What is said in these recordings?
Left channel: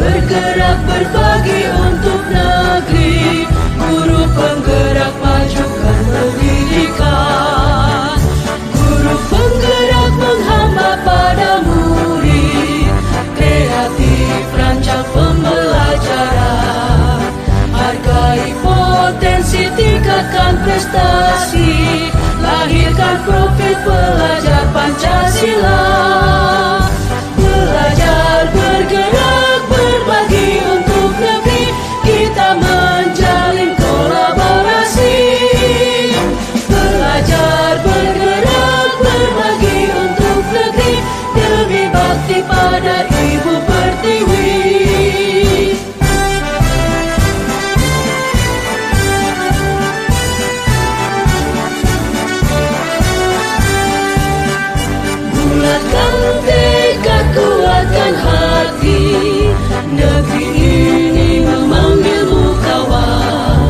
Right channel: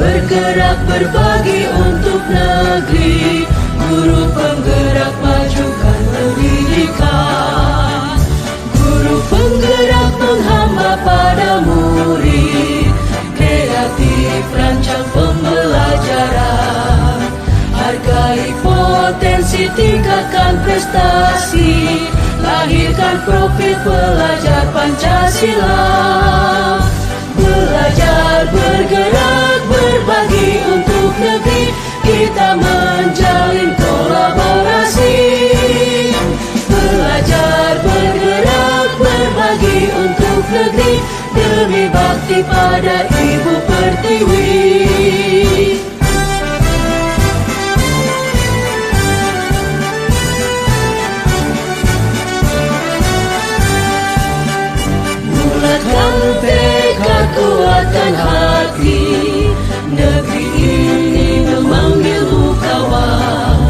bergerak berbagi untuk negeri, guru penggerak majukan pendidikan, guru penggerak menghamba pada murid, kreatif rancang pembelajaran, hargai potensi, tingkatkan prestasi, lahirkan profil pelajar Pancasila. Belajar, bergerak, berbagi untuk negeri, kita menjalin kolaborasi. Belajar, bergerak, berbagi untuk negeri, demi bakti pada Ibu Pertiwi. Bulatkan tekad, kuatkan hati, negeri ini memanggilmu kawan.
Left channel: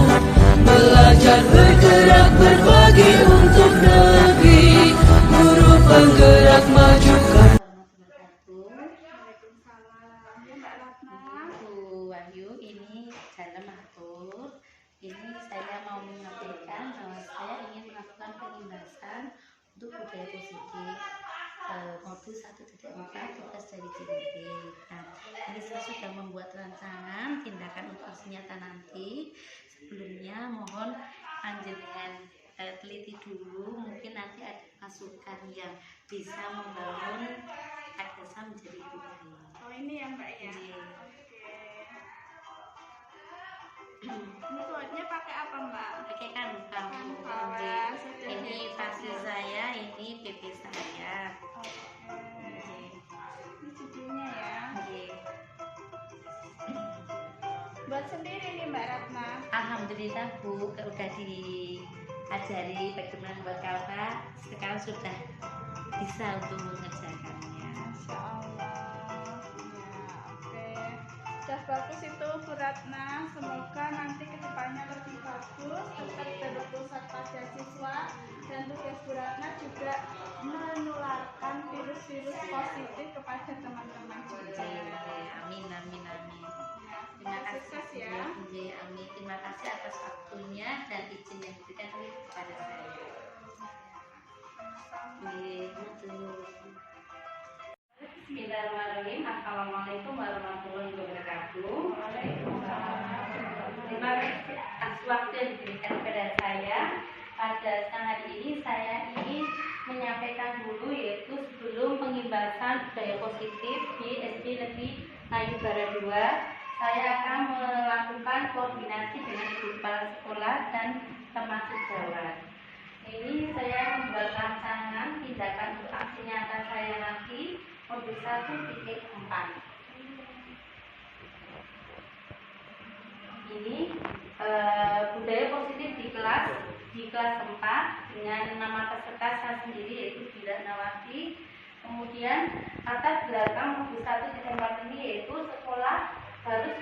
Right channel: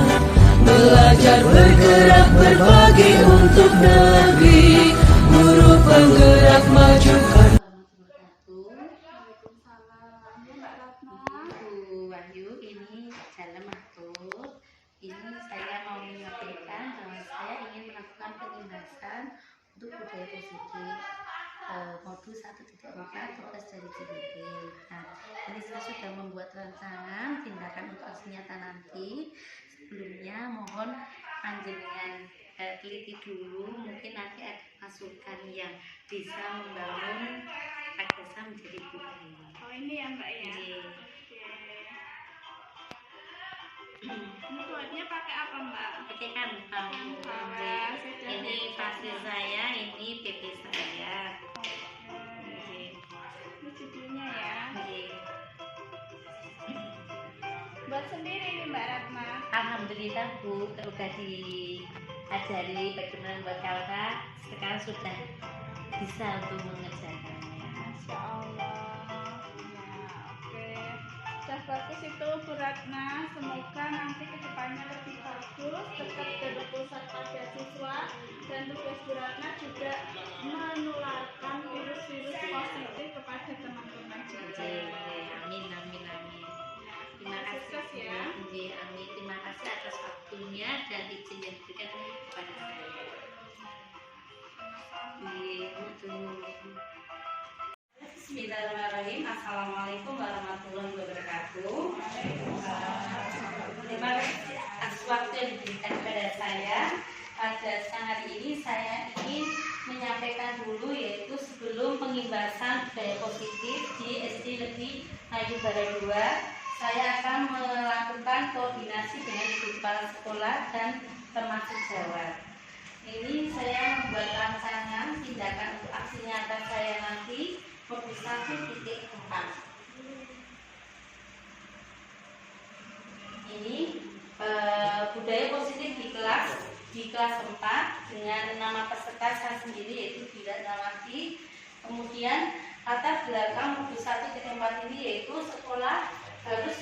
Belajar, bergerak, berbagi untuk negeri, guru penggerak majukan. Waalaikumsalam. Ya Mbak Ratna. Wahyu, ini Jalan Matur. Ini saya mau menyampaikan bahwa saya ingin melakukan pengimbasan untuk budaya positif modul 1.4 tugas dari JDT. Nah, ini saya sudah membuat rancangan tindakan untuk aksi nyata nanti. Sebelumnya mohon panjenengan teliti dulu, mungkin nanti ada masukan yang bisa membangun Desa menjadi budaya. Oh ini ya Mbak ya. Oke. Ini kuatnya pakai apa Mbak? Pakai kanva. Wah, Ini pasir saya, ini PP saya. Ini judulnya ya. Buat sendiri nih Mbak Ratna. Alhamdulillah Bu, udah diajari bagaimana membuat kanva, sekarang sudah bisa untuk mengerjakannya. Masya Allah. Ya oke. Sudah bagus itu Bu Ratna. Semoga nanti kedepannya lebih bagus. Tetap berurusan pada siswa, dan tugas Bu Ratna juga menularkan virus-virus positif kepada teman-teman juga. Amin, amin, amin. Terima kasih. Sukses ya. Amin. Terima kasih atas waktunya dan izin yang diberikan kepada saya. Bismillahirrahmanirrahim. Assalamualaikum warahmatullahi wabarakatuh. Terima kasih atas waktu yang diberikan kepada saya. Pada siang hari ini saya ingin menyampaikan dulu, yaitu sebelum pengimbasan budaya positif di SD Negeri Melayu Barat 2, saya akan melakukan koordinasi dengan ibu kepala sekolah dan teman sejawat. Ini saya membuat rancangan tindakan untuk aksi nyata saya nanti modul 1.4. Ini budaya positif di kelas 4 dengan nama peserta saya sendiri, yaitu Bila Nawati. Kemudian latar belakang modul 1.4 ini yaitu sekolah harus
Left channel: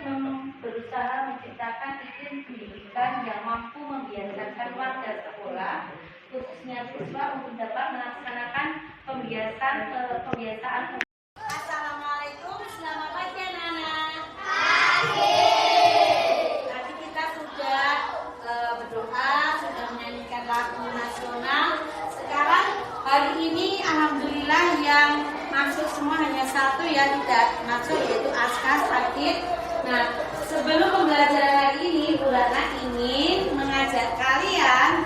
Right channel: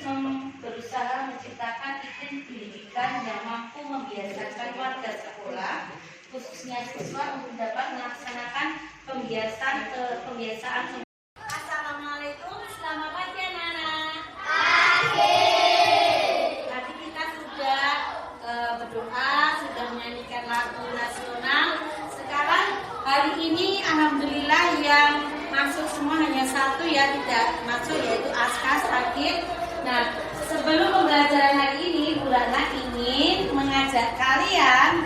berusaha menciptakan iklim pendidikan yang mampu membiasakan warga sekolah, khususnya siswa, untuk dapat melaksanakan pembiasaan. Assalamualaikum, selamat pagi anak-anak. Tadi kita sudah berdoa, sudah menyanyikan lagu nasional. Sekarang hari ini alhamdulillah yang masuk semua hanya satu ya, tidak masuk, yaitu Aska sakit. Nah, sebelum pembelajaran hari ini, Bu Ratna ingin mengajak kalian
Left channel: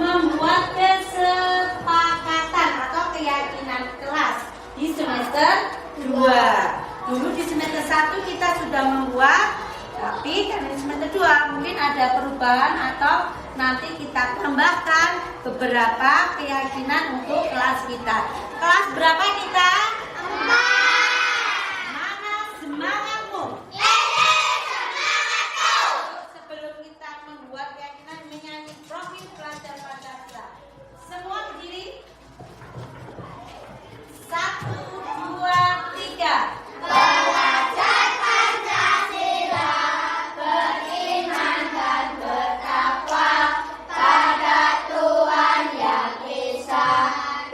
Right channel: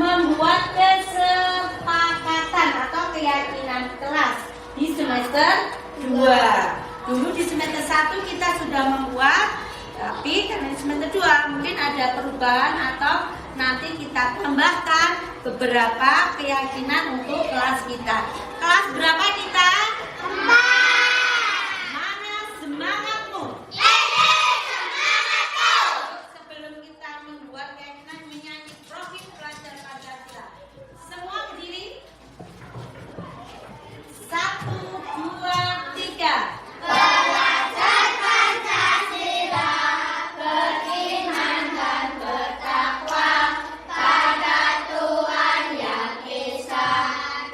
membuat kesepakatan atau keyakinan kelas di semester 2. Dulu di semester 1 kita sudah membuat, tapi karena di semester 2 mungkin ada perubahan atau nanti kita tambahkan beberapa keyakinan untuk kelas kita. Kelas berapa kita? 4. Mana semangatmu? Sebelum kita membuat keyakinan, menyanyi profil pelajar Pancasila. Semua berdiri. 1, 2, 3. Belajar Pancasila, beriman dan bertakwa pada Tuhan Yang Esa,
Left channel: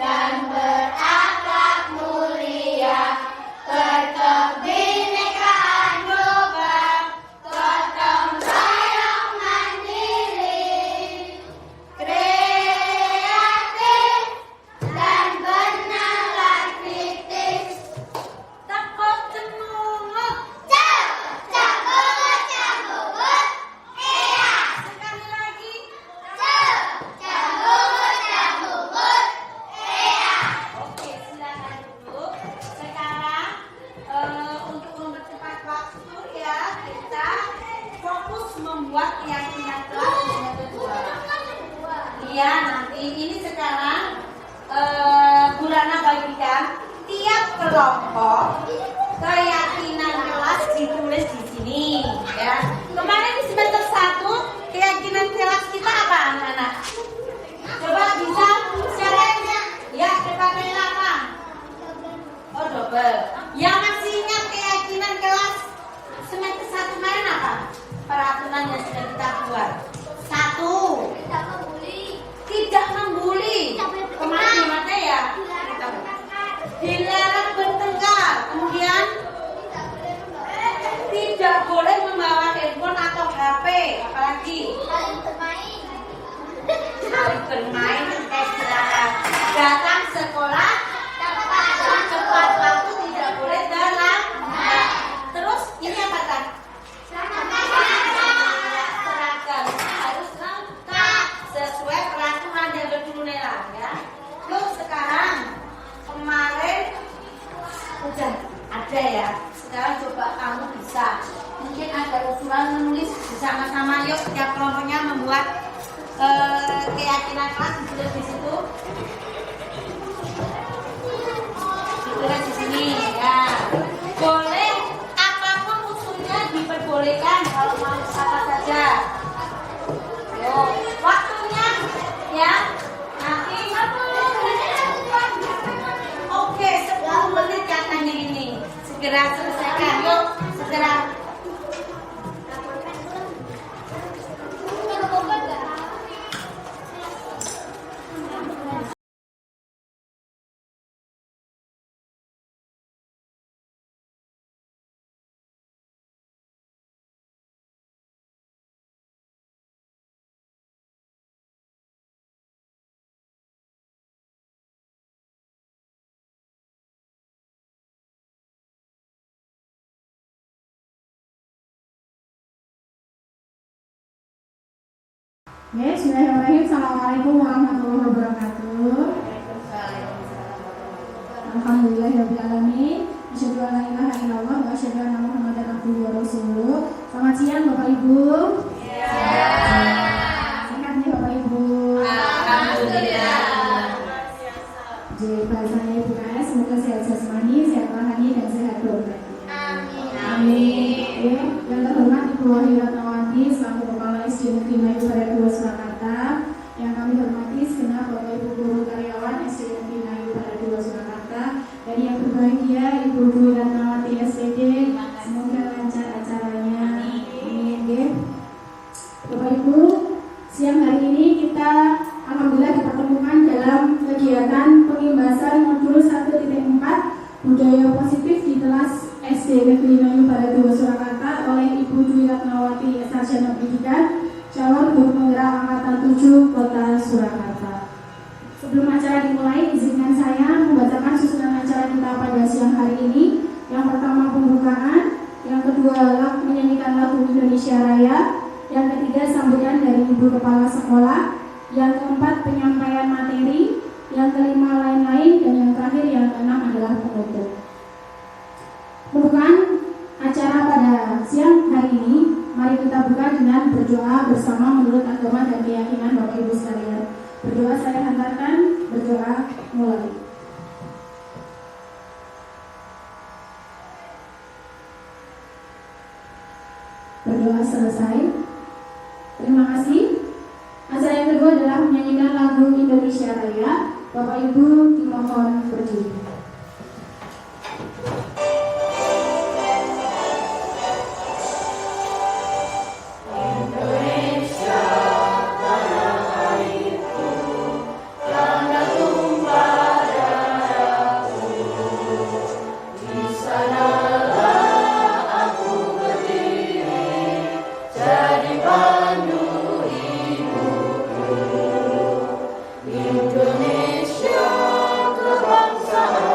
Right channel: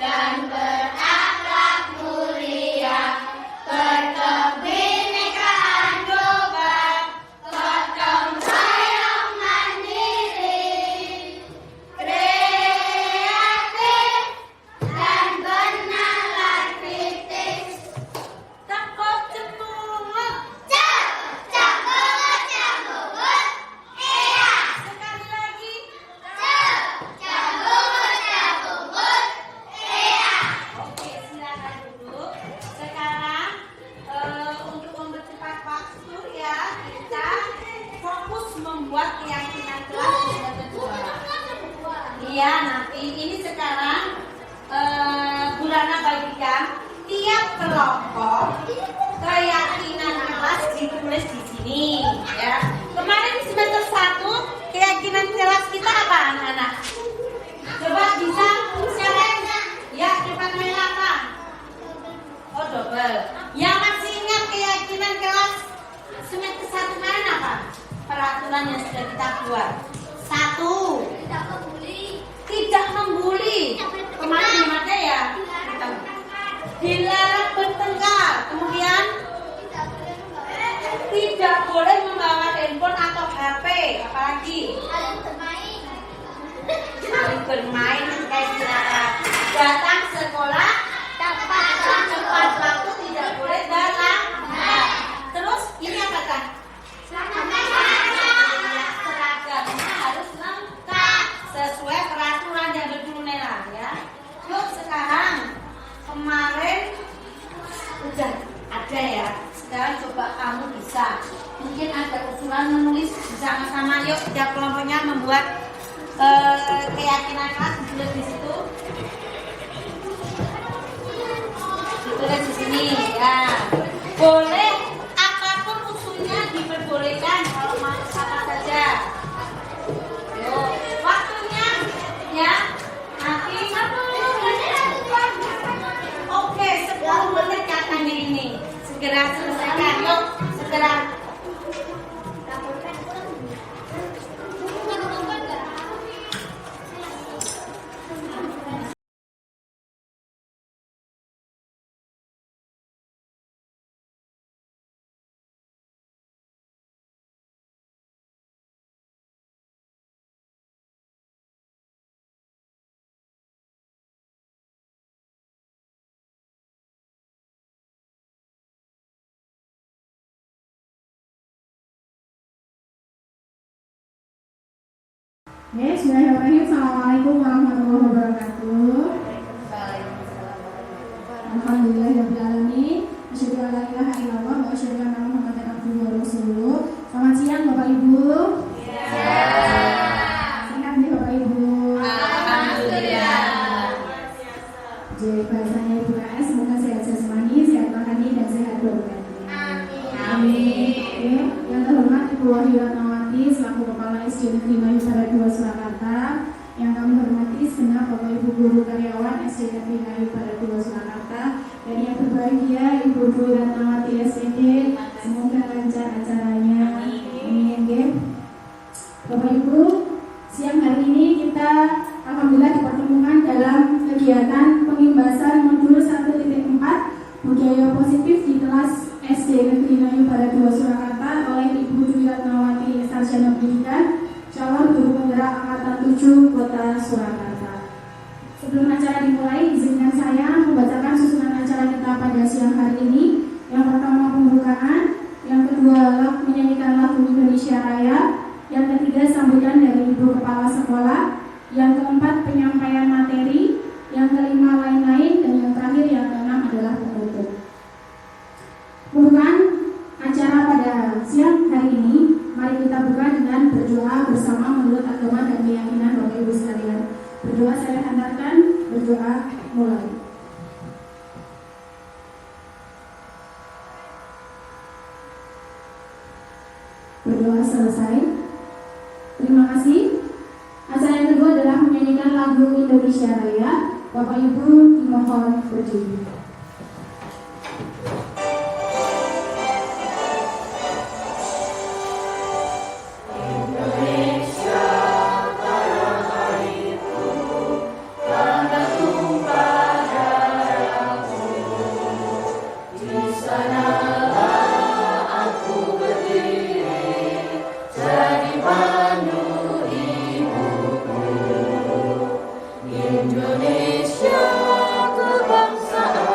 dan berakhlak mulia. nanti ini sekarang Bulana bagikan tiap kelompok keyakinan kelas ditulis di sini ya. Kemarin di semester 1 keyakinan kelas kita apa anak-anak? Coba bisa siapa? Ya, cepat main apa? Oh, double. Yang masih ingat keyakinan kelas semester 1 kemarin apa? Peraturan yang sudah kita buat. 1. Tidak membuli. Kemarin gimana ya? Dilarang bertengkar. Kemudian tidak boleh membawa handphone atau HP. Apalagi? Saling bermain kayak silakan. Datang sekolah tepat waktu, tidak boleh terlambat. Terus ini apa kan? Seragamnya harus lengkap sesuai peraturan yang berturunnya ya. Terus sekarang kemarin udah ada ya. Sekarang coba kamu bisa. Mungkin ada usulan menulis bersama-sama. Yuk tiap kelompoknya membuat keyakinan kelas ditulis di situ. Ditulis di sini ya. Boleh apapun usulnya diperbolehkan kalau mau apa saja. Yuk, waktunya ya. Nanti oke, 10 menit katanya ini. Segera selesaikan. Yuk, segera. Oke, bismillahirrahmanirrahim. Assalamualaikum warahmatullahi wabarakatuh. Alhamdulillahirrahmanirrahim. Asyhadu an la ilaha illallah wa asyhadu anna Muhammadar abduhu wa rasuluh. Selamat siang Bapak Ibu. Sehat nih Bapak Ibu. Alhamdulillah. Jadi bahasanya Ibu KS, semoga sehat jasmani, sehat rohani, dan sehat doa. Amin. Yang terhormat Ibu Wahyu Ratnawati selaku Kepala SD Negeri Melayu Barat 2 Surakarta, yang kami hormati segenap Bapak Ibu guru karyawan SD Negeri Melayu Barat 2 Surakarta, dan yang berbahagia Ibu Guru Ratnawati SPD, semoga lancar acaranya. Amin. Bapak Ibu, siang hari ini kita alhamdulillah dipertemukan dalam kegiatan pengimbasan modul 1.4 budaya positif di kelas SD Negeri Melayu Barat 2 Surakarta oleh Ibu Dwi Ratnawati Sarjana Pendidikan, calon guru penggerak angkatan 7 Kota Surakarta. Sebelum acara dimulai, izinkan saya membacakan susunan acara kita pada siang hari ini. Yang pertama pembukaan, yang kedua menyanyikan lagu Indonesia Raya, yang ketiga sambutan dari Ibu Kepala Sekolah, yang keempat penyampaian materi, yang kelima lain-lain, dan yang terakhir yang keenam adalah penutup. Pembukaan acara pada siang hari ini, mari kita buka dengan berdoa bersama menurut agama dan keyakinan Bapak Ibu sekalian. Berdoa saya hantarkan, berdoa mulai. Berdoa selesai. Terima kasih. Acara yang kedua adalah menyanyikan lagu Indonesia Raya. Bapak Ibu dimohon berdiri. Indonesia kebangsaan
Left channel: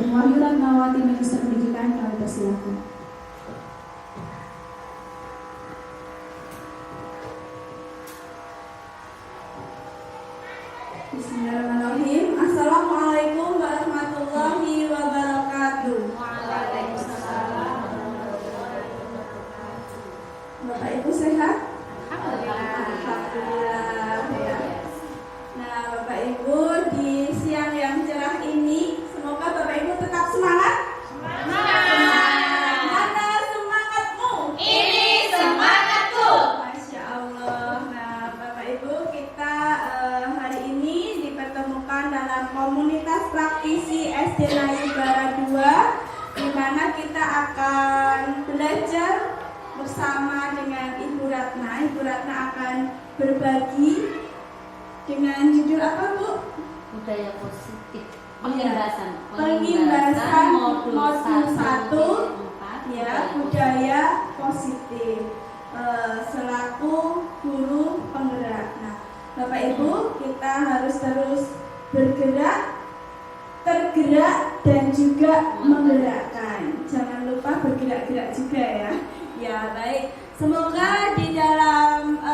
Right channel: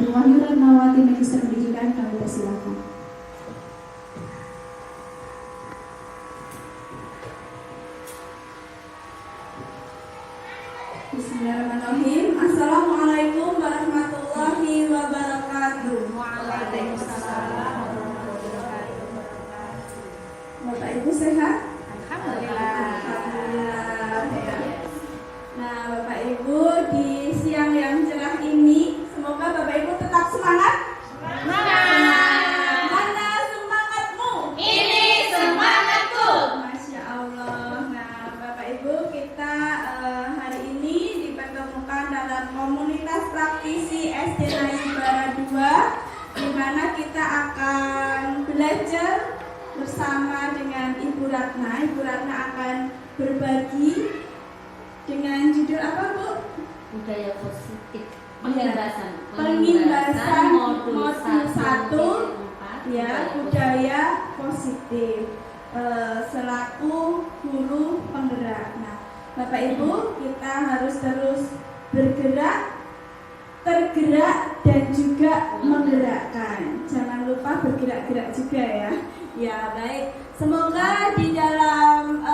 Ibu Wahyu Ratnawati, Magister Pendidikan, kami persilahkan. Bismillahirrahmanirrahim. Assalamualaikum warahmatullahi wabarakatuh. Bapak Ibu sehat? Alhamdulillah. Nah, Bapak Ibu, di siang yang cerah ini, semoga Bapak Ibu tetap semangat. Mana semangatmu? Ini semangatku. Masya Allah. Nah, Bapak Ibu, kita hari ini dipertemukan dalam komunitas praktisi SD Nayubara 2, di mana kita akan belajar bersama dengan Ibu Ratna. Ibu Ratna akan berbagi dengan judul apa, Bu? Budaya positif. Pengimbasan modul 1 ya, budaya positif selaku guru penggerak. Nah, Bapak Ibu, kita harus terus bergerak, tergerak dan juga menggerakkan. Jangan lupa bergerak-gerak juga ya. Ya, baik. Semoga di dalam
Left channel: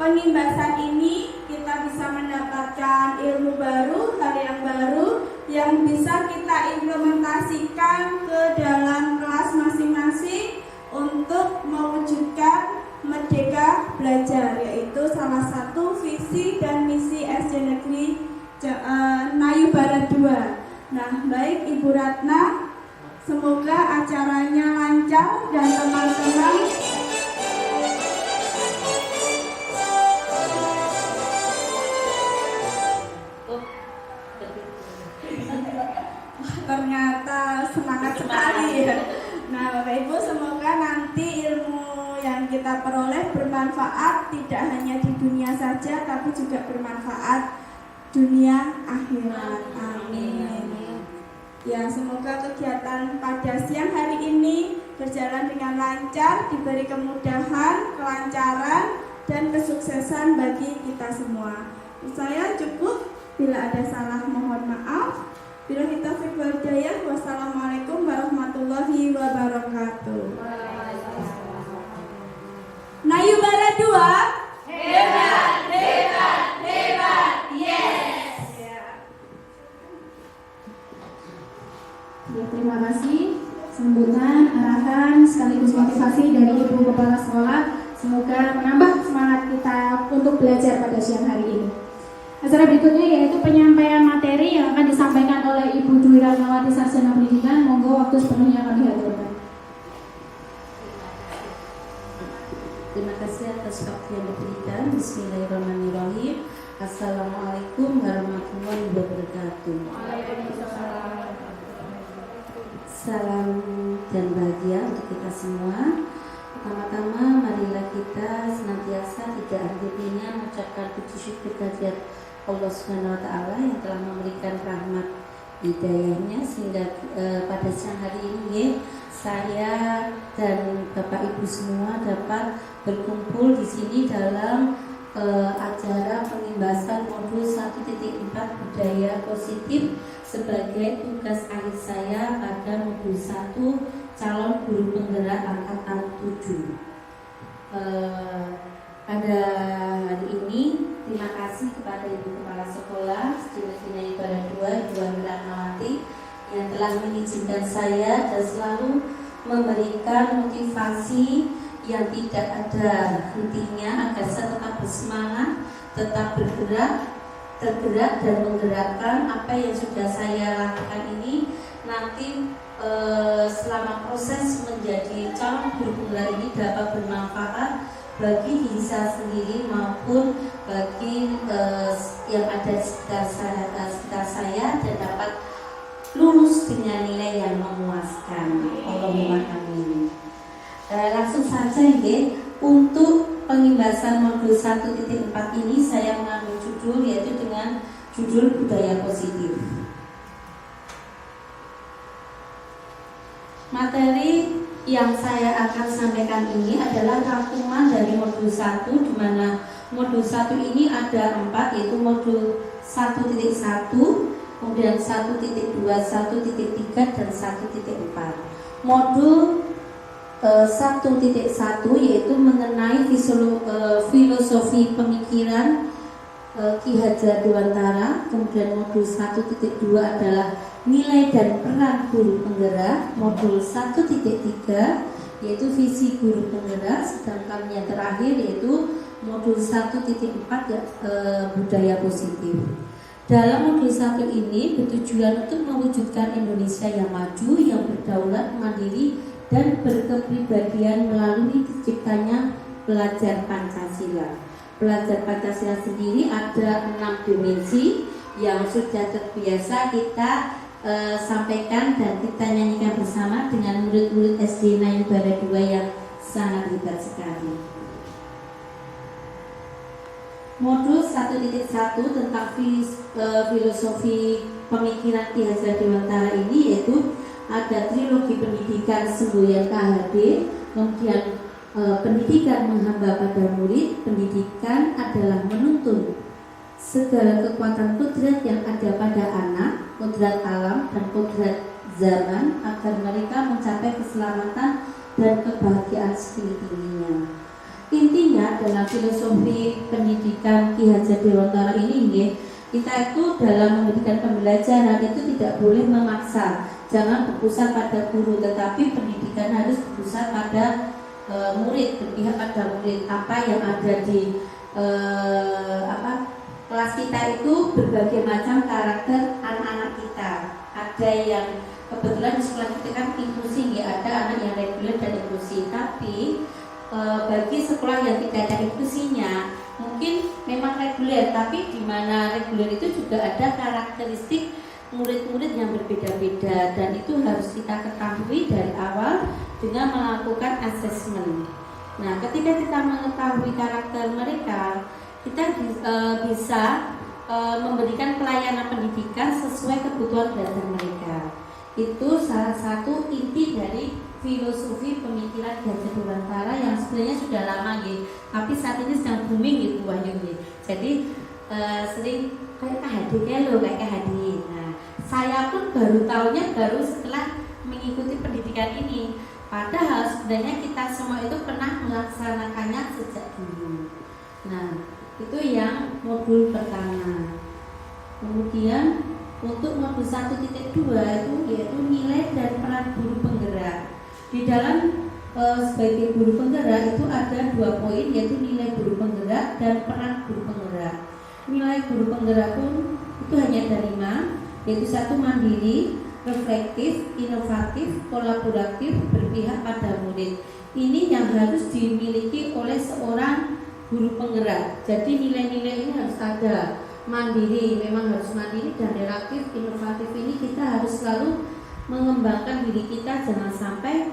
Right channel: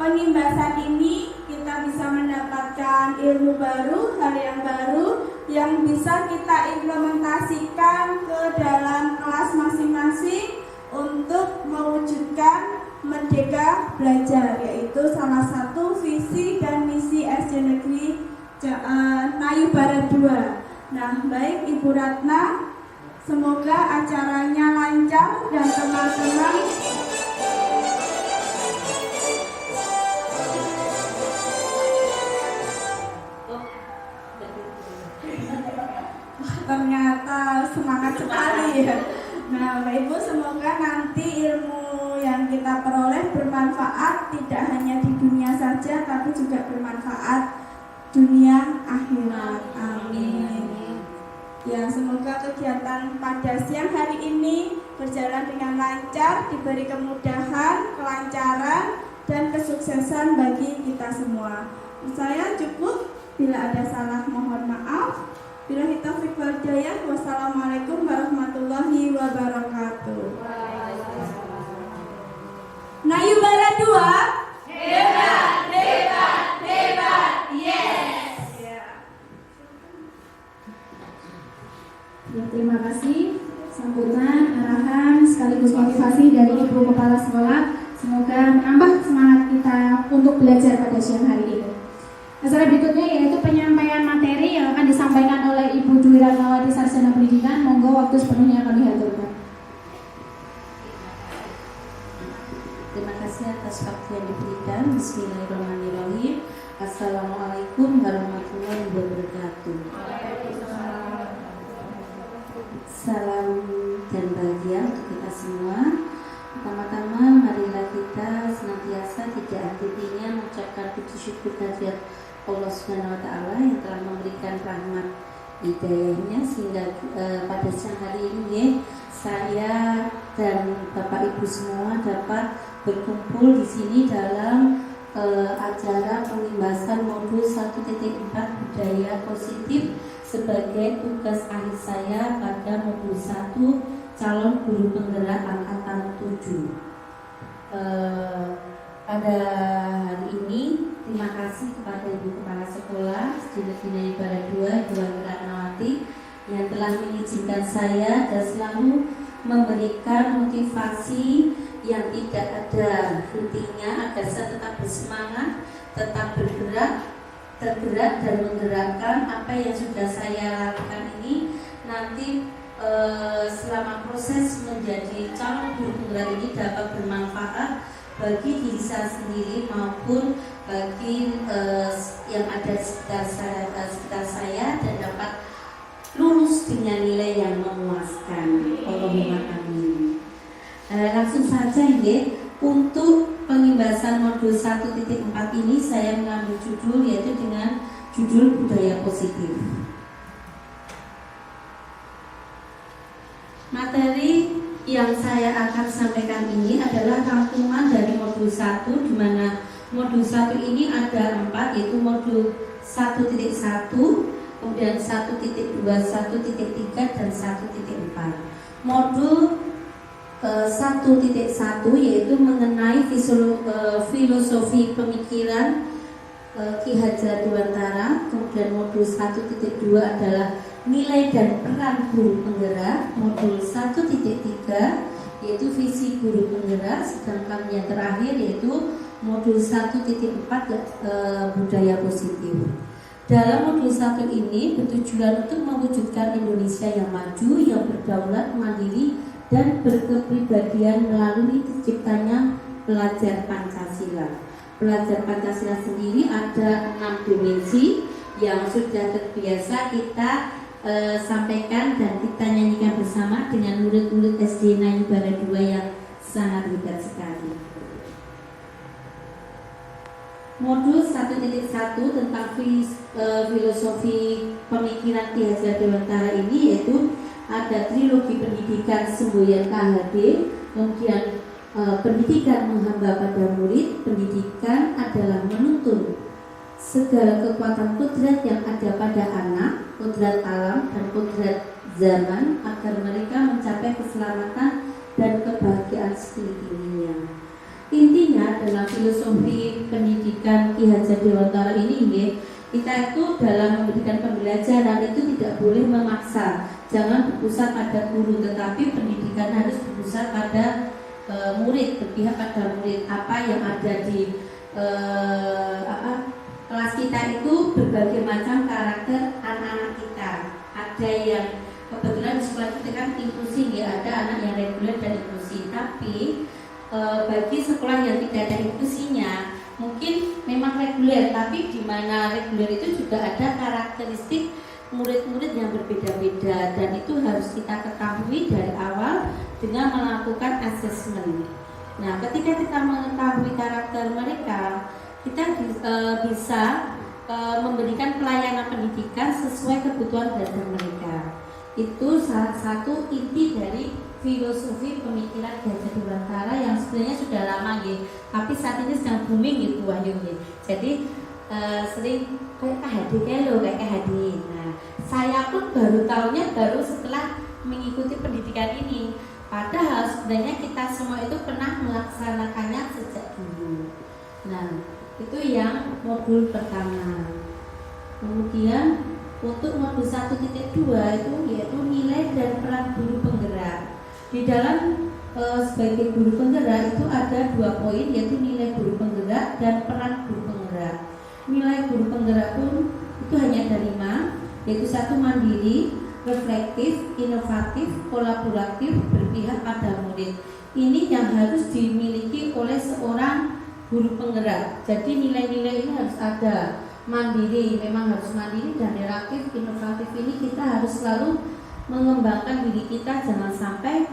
pengimbasan ini kita bisa mendapatkan ilmu baru, hal yang baru yang bisa kita implementasikan ke dalam kelas masing-masing untuk mewujudkan Merdeka Belajar, yaitu salah satu visi dan misi SD Negeri Nayubara 2. Nah, baik Ibu Ratna, semoga acaranya lancar dan teman-teman ternyata semangat sekali ya. Nah, Bapak Ibu, semoga nanti ilmu yang kita peroleh bermanfaat tidak hanya di dunia saja, tapi juga bermanfaat dunia akhirat. Amin. Ya, semoga kegiatan pada siang hari ini berjalan dengan lancar, diberi kemudahan, kelancaran, dan kesuksesan bagi kita semua. Saya cukup, bila ada salah mohon maaf. Billahi taufiq wal hidayah. Wassalamualaikum warahmatullahi wabarakatuh. Nayubara 2. Hebat, hebat, hebat. Yes. Terima kasih sambutan, arahan sekaligus motivasi dari Ibu Kepala Sekolah. Semoga menambah semangat kita untuk belajar pada siang hari ini. Acara berikutnya yaitu penyampaian materi yang akan disampaikan oleh Ibu Dwi Ratnawati, Sarjana Pendidikan. Monggo, waktu sepenuhnya akan dihadirkan. Terima kasih atas waktu yang diberikan. Bismillahirrahmanirrahim. Assalamualaikum warahmatullahi wabarakatuh. Salam dan bahagia untuk kita semua. Pertama-tama, marilah kita senantiasa tidak henti-hentinya mengucapkan puji syukur kehadirat Allah Subhanahu wa Ta'ala yang telah memberikan rahmat hidayahnya sehingga pada siang hari ini saya dan Bapak Ibu semua dapat berkumpul di sini dalam acara pengimbasan modul 1.4 budaya positif sebagai tugas akhir saya pada modul 1 calon guru penggerak angkatan 7. Pada hari ini terima kasih kepada Ibu Kepala Sekolah SD Negeri Nayubara 2 Ibu Ratnawati yang telah mengizinkan saya dan selalu memberikan motivasi yang tidak ada hentinya agar saya tetap bersemangat, tetap bergerak, tergerak dan menggerakkan apa yang sudah saya lakukan ini nanti selama proses menjadi calon guru penggerak ini dapat bermanfaat bagi diri saya sendiri maupun bagi yang ada di sekitar saya dan dapat lulus dengan nilai yang memuaskan. Allahumma amin. Langsung saja ini untuk pengimbasan modul 1.4 ini saya mengambil judul yaitu dengan judul budaya positif. Materi yang saya akan sampaikan ini adalah rangkuman dari modul 1, di mana modul 1 ini ada 4, yaitu modul 1.1, kemudian 1.2, 1.3, dan 1.4. Modul 1.1 yaitu mengenai filosofi pemikiran Ki Hajar Dewantara. Kemudian modul 1.2 adalah nilai dan peran guru penggerak. Modul 1.3 yaitu visi guru penggerak. Sedangkan yang terakhir yaitu modul 1.4 budaya positif. Dalam modul 1 ini bertujuan untuk mewujudkan Indonesia yang maju, yang berdaulat, mandiri, dan berkepribadian melalui terciptanya pelajar Pancasila. Pelajar Pancasila sendiri ada 6 dimensi yang sudah terbiasa kita sampaikan dan kita nyanyikan bersama dengan murid-murid SD Nayu Bala 2 yang sangat hebat sekali. Modul 1.1 tentang filosofi pemikiran Ki Hajar Dewantara ini yaitu ada trilogi pendidikan semboyan KHD, kemudian pendidikan menghamba pada murid, pendidikan adalah menuntun segala kekuatan kodrat yang ada pada anak, kodrat alam dan kodrat zaman agar mereka mencapai keselamatan dan kebahagiaan setinggi-tingginya. Intinya dalam filosofi pendidikan Ki Hajar Dewantara ini kita itu dalam memberikan pembelajaran itu tidak boleh memaksa, jangan berpusat pada guru, tetapi pendidikan harus berpusat pada murid, berpihak pada murid. Apa yang ada di kelas kita itu berbagai macam karakter anak-anak kita. Ada yang kebetulan di sekolah kita kan inklusi ya, ada anak yang reguler dan inklusi, tapi bagi sekolah yang tidak ada inklusinya mungkin memang reguler, tapi di mana reguler itu juga ada karakteristik murid-murid yang berbeda-beda, dan itu harus kita ketahui dari awal dengan melakukan asesmen. Nah, ketika kita mengetahui karakter mereka, kita bisa memberikan pelayanan pendidikan sesuai kebutuhan belajar mereka. Itu salah satu inti dari filosofi pemikiran Ki Hajar Dewantara yang sebenarnya sudah lama tapi saat ini sedang booming gitu Wahyu. Jadi sering kayak KHD. Nah, saya pun baru tahunya baru setelah mengikuti pendidikan ini. Padahal sebenarnya kita semua itu pernah melaksanakannya sejak dulu. Nah, itu yang modul pertama. Kemudian untuk modul 1.2 itu yaitu nilai dan peran guru penggerak. Di dalam sebagai guru penggerak itu ada 2 poin, yaitu nilai guru penggerak dan peran guru penggerak. Nilai guru penggerak pun itu hanya ada 5, yaitu 1 mandiri, reflektif, inovatif, kolaboratif, berpihak pada murid. Ini yang harus dimiliki oleh seorang guru penggerak. Jadi nilai-nilai ini harus ada. Mandiri, memang harus mandiri, dan reaktif, inovatif ini kita harus selalu mengembangkan diri kita, jangan sampai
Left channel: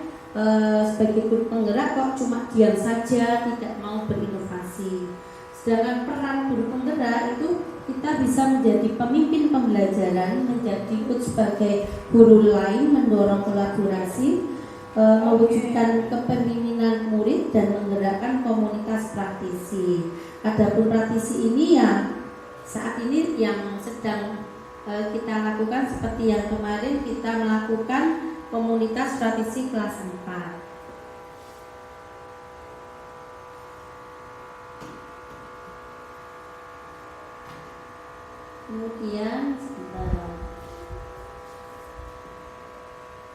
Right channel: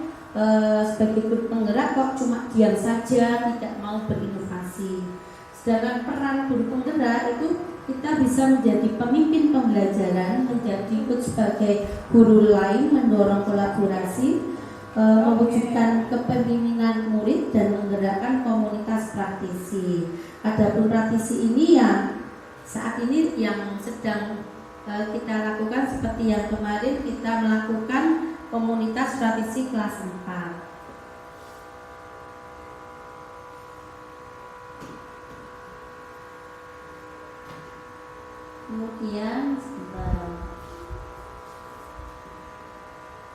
sebagai guru penggerak kok cuma diam saja, tidak mau berinovasi. Sedangkan peran guru penggerak itu kita bisa menjadi pemimpin pembelajaran, menjadi ikut sebagai guru lain, mendorong kolaborasi, mewujudkan kepemimpinan murid dan menggerakkan komunitas praktisi. Adapun praktisi ini ya saat ini yang sedang kita lakukan seperti yang kemarin kita melakukan komunitas praktisi kelas 4. Kemudian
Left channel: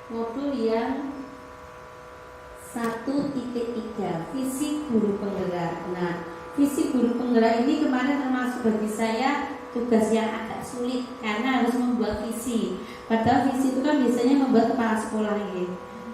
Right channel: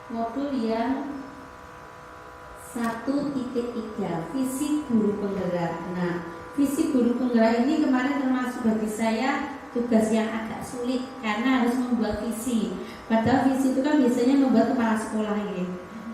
modul yang 1.3 visi guru penggerak. Nah, visi guru penggerak ini kemarin termasuk bagi saya tugas yang agak sulit karena harus membuat visi. Padahal visi itu kan biasanya membuat kepala sekolah ya.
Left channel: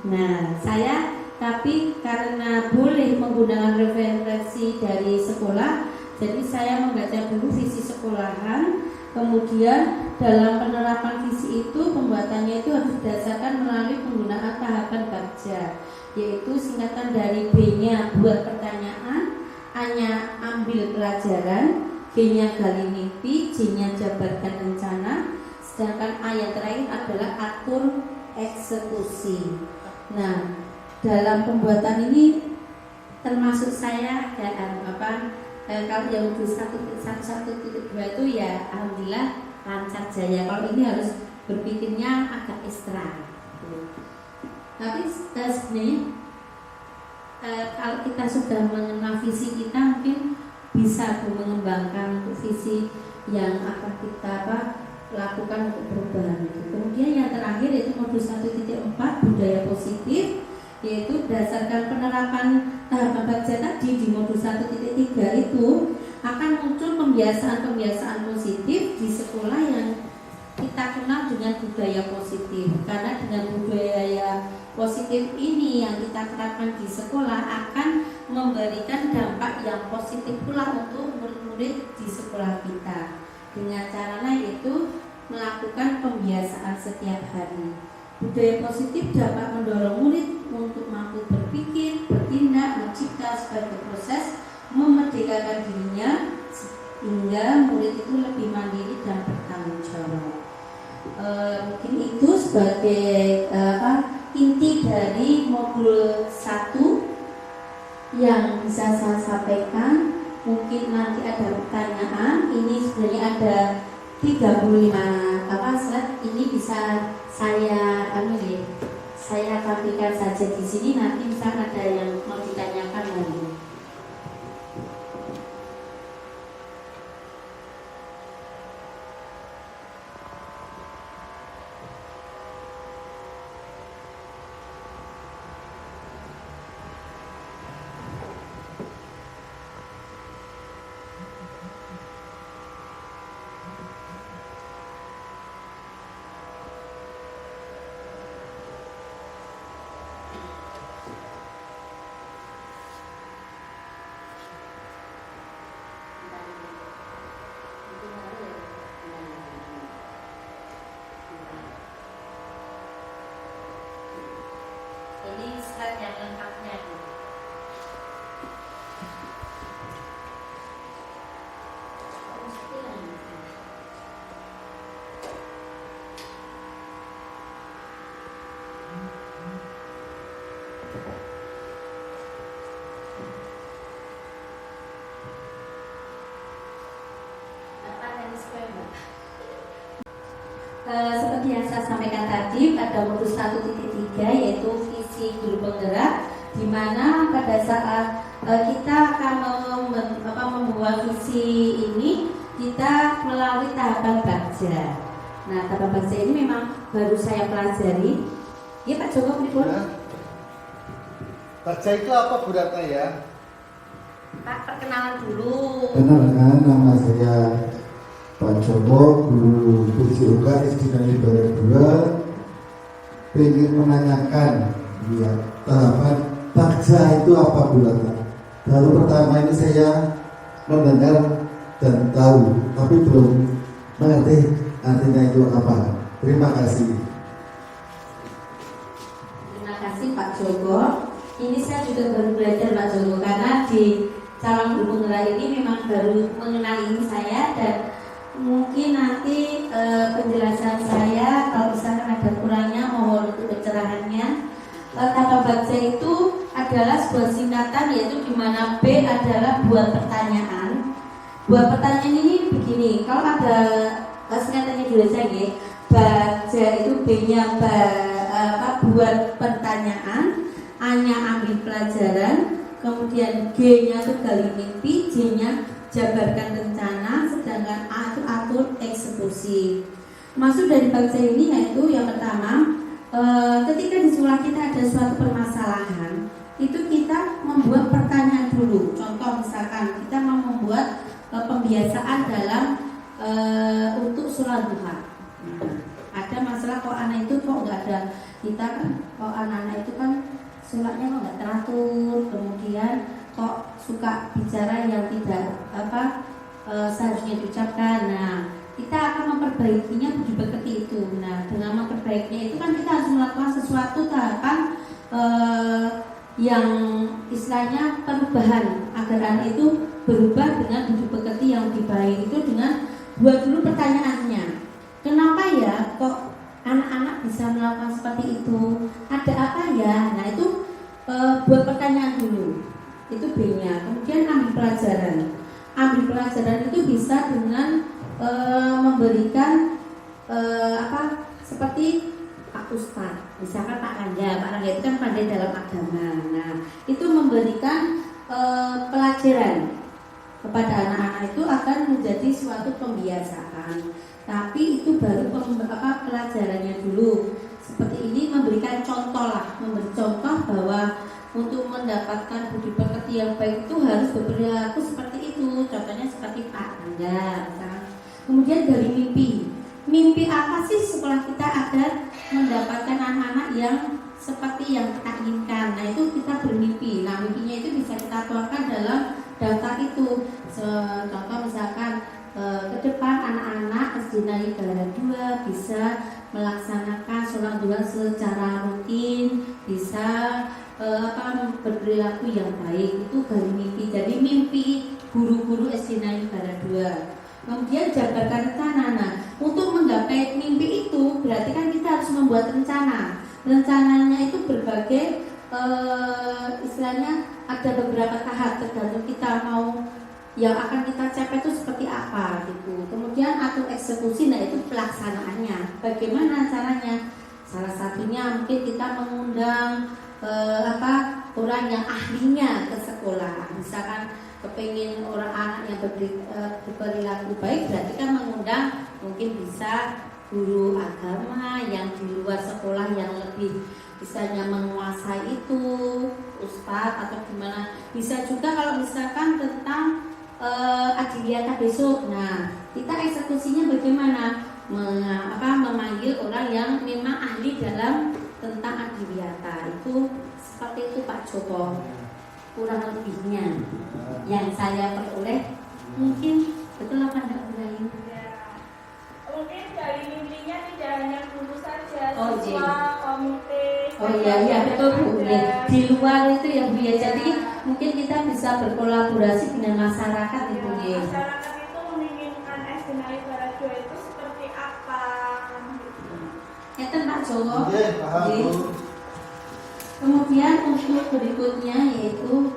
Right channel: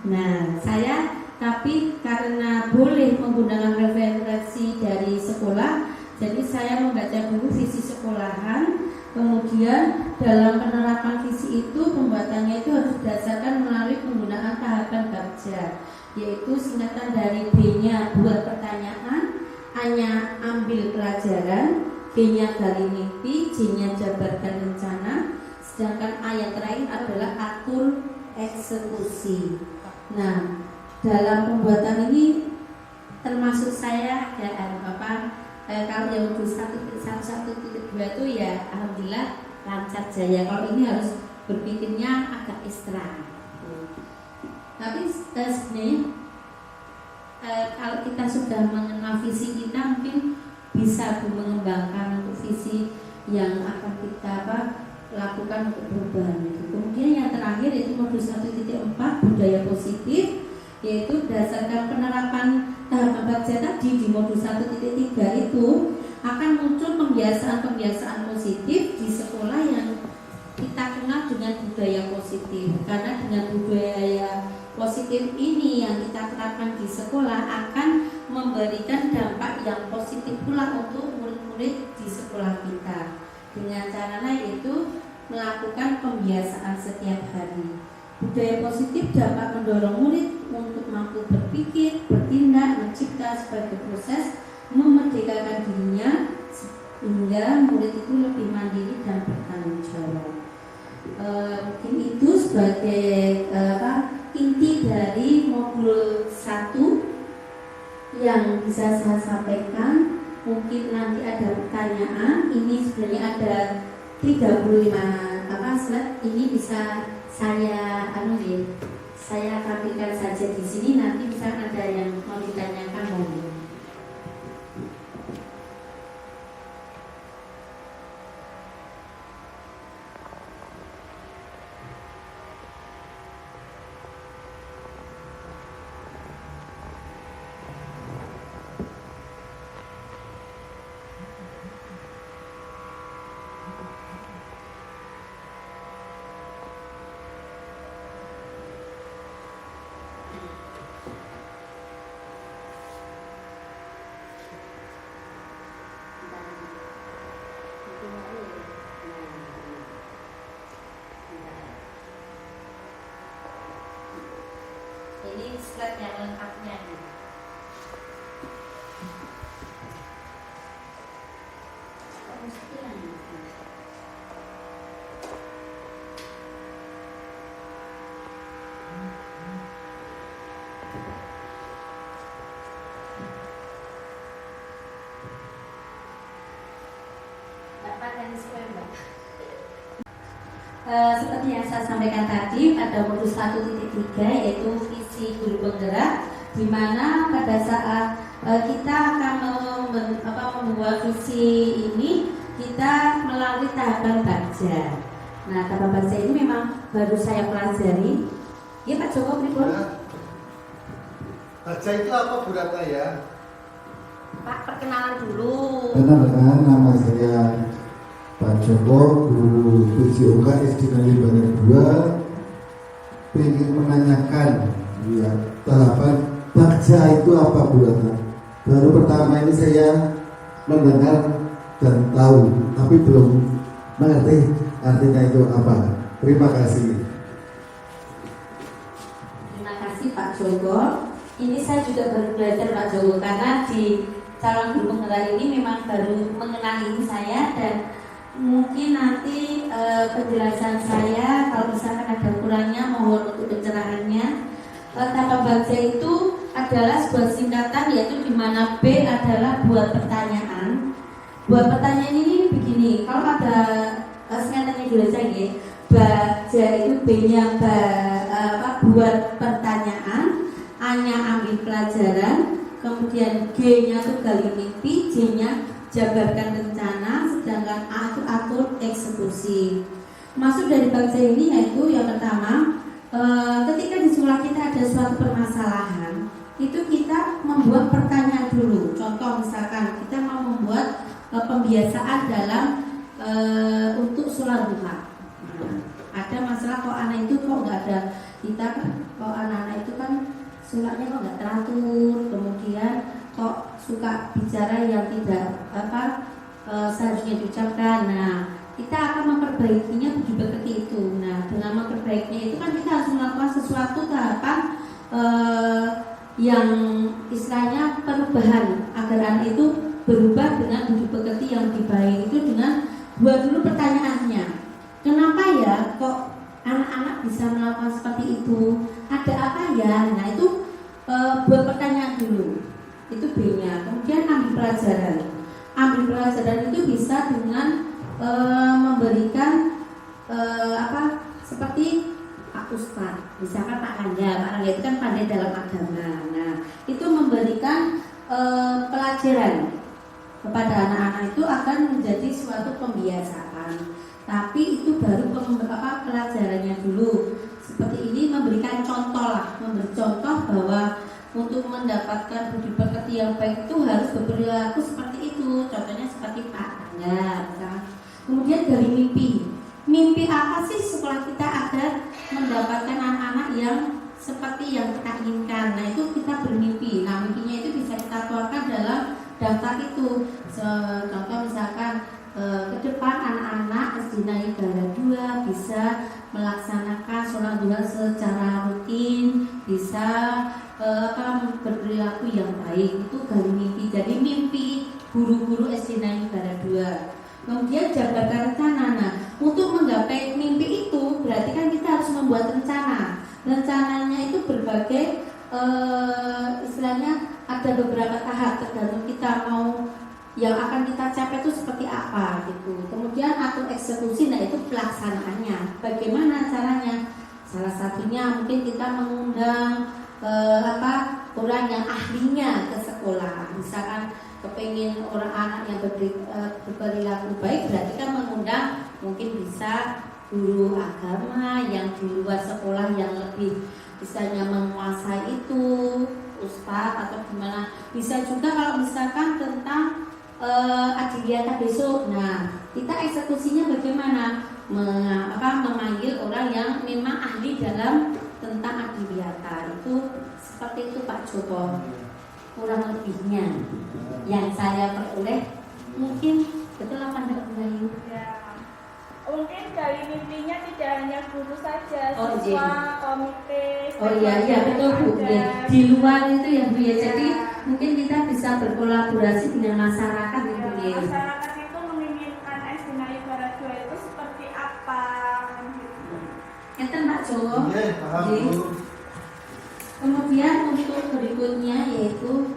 Nah, saya tapi karena boleh menggunakan referensi dari sekolah, jadi saya membaca dulu visi sekolahan. Kemudian dalam penerapan visi itu pembuatannya itu harus didasarkan melalui penggunaan tahapan Bagja, yaitu singkatan dari B-nya buat pertanyaan, A-nya ambil pelajaran, B-nya gali mimpi, J-nya jabarkan rencana, sedangkan A yang terakhir adalah atur eksekusi. Nah, dalam pembuatan ini termasuk saya kalau yang modul 1.1.2 itu ya alhamdulillah lancar jaya. Kalau ini harus berpikirnya agak ekstra. Tapi sebenarnya kalau kita sudah mengenal visi kita, mungkin bisa mengembangkan untuk visi yang akan kita lakukan untuk perubahan itu. Kemudian yang terakhir yaitu modus 1.4 budaya positif, yaitu berdasarkan penerapan tahapan Bagja tadi di modus 1.3 itu akan muncul pembiasaan-pembiasaan positif di sekolah yang kita kenal dengan budaya positif. Karena dengan budaya positif ini yang kita terapkan di sekolah akan memberikan dampak yang positif pula untuk murid-murid di sekolah kita. Dengan caranya yaitu melakukan pembiasaan setiap hari. Budaya positif dapat mendorong murid untuk mampu berpikir, bertindak, mencipta sebagai proses memerdekakan dirinya sehingga murid itu lebih mandiri dan bertanggung jawab. Mungkin itu sebagai inti dari modul 1 yang bisa saya sampaikan. Mungkin nanti ada pertanyaan. Ini sebenarnya ada 35 slide. Ini bisa saya tampilkan saja di sini. Nanti bisa ada yang mau ditanyakan lagi. Ini slide yang lengkapnya dulu. Seperti yang saya sampaikan tadi, pada modus 1.3 yaitu visi guru penggerak, di mana pada saat kita akan membuat visi ini, kita melalui tahapan Bagja. Nah, tahapan Bagja ini memang baru saya pelajari. Ya Pak Joko, berikut. Bagja itu apa Bu Ratna ya? Pak, perkenalan dulu. Kenalkan, nama saya Pak Joko, guru PJOK SD Negeri Barat 2. Ingin menanyakan ya, tahapan Bagja itu apa Bu Ratna? Baru pertama ini saya mendengar dan tahu, tapi belum mengerti artinya itu apa. Terima kasih. Terima kasih Pak Joko. Ini saya juga baru belajar Pak Joko, karena di calon guru penggerak ini memang baru mengenali saya, dan mungkin nanti penjelasan saya kalau misalkan ada kurangnya mohon untuk pencerahannya. Tahapan Bagja itu adalah sebuah singkatan, yaitu di mana B adalah buat pertanyaan. Buat pertanyaan ini begini, kalau ada singkatannya dulu saja, Bagja itu B-nya buat pertanyaan, A-nya ambil pelajaran, kemudian G-nya itu gali mimpi, J-nya jabarkan rencana, sedangkan A itu atur eksekusi. Maksud dari Bagja ini yaitu yang pertama, ketika di sekolah kita ada suatu permasalahan, itu kita membuat pertanyaan dulu. Contoh misalkan kita mau membuat pembiasaan dalam untuk sholat duha. Ada masalah kok anak itu kok nggak ada, kita kan kok anak-anak itu kan sholatnya kok nggak teratur, kemudian kok suka bicara yang tidak seharusnya diucapkan. Nah, kita akan memperbaikinya seperti itu. Nah, dengan memperbaikinya itu kan kita harus melakukan sesuatu tahapan yang istilahnya perubahan agar anak itu berubah dengan budi pekerti yang lebih baik. Itu dengan buat dulu pertanyaannya. Kenapa ya kok anak-anak bisa melakukan seperti itu? Ada apa ya? Nah, itu buat pertanyaan dulu. Itu B-nya. Kemudian ambil pelajaran. Ambil pelajaran itu bisa dengan memberikan seperti Pak Ustadz, misalkan Pak Rangga itu kan pandai dalam agama. Nah, itu memberikan pelajaran kepada anak-anak itu akan menjadi suatu pembiasaan. Tapi itu baru pelajarannya dulu. Seperti ini memberikan contoh lah, memberi contoh bahwa untuk mendapatkan budi pekerti yang baik itu harus berperilaku seperti itu. Contohnya seperti Pak Rangga. Kemudian dari mimpi apa sih sekolah kita agar mendapatkan anak-anak yang seperti yang kita inginkan. Nah, itu kita bermimpi. Nah, mimpinya itu bisa kita tuangkan dalam daftar itu. Contoh misalkan ke depan anak-anak SD Negara 2 bisa melaksanakan sholat duha secara rutin, bisa berperilaku yang baik. Itu dari mimpi. Jadi mimpi guru-guru SD Negara 2. Kemudian jabarkan rencana. Nah, untuk menggapai mimpi itu berarti kan kita harus membuat rencana. Rencananya itu berbagai istilahnya ada beberapa tahap tergantung kita mau yang akan kita capai itu seperti apa gitu. Kemudian atur eksekusi, nah itu pelaksanaannya. Bagaimana caranya? Salah satunya mungkin kita mengundang orang yang ahlinya ke sekolah. Misalkan kepingin orang anak yang berperilaku baik, berarti kan mengundang mungkin bisa guru agama yang di luar sekolah yang lebih misalnya menguasai itu, ustadz atau gimana. Bisa juga kalau misalkan tentang adiliyata besok. Nah, kita eksekusinya bagaimana? Memanggil orang yang memang ahli dalam tentang adiliyata. Itu seperti itu Pak Joko. Kurang lebihnya yang saya peroleh mungkin betul apa enggak Bu Rayu? Ya. Mungkin dari intinya tidak hanya guru saja, Oh, siswa, iya. komite. Oh iya betul Bu. Ya. Di luar itu ya Bu ya. Jadi mungkin kita bisa berkolaborasi dengan masyarakat ya Bu ya. Masyarakat itu menginginkan SD Negara 2 itu seperti apa? Ya kan Pak Joko. Oke, paham Oke. Bu. Kemudian untuk berikutnya yaitu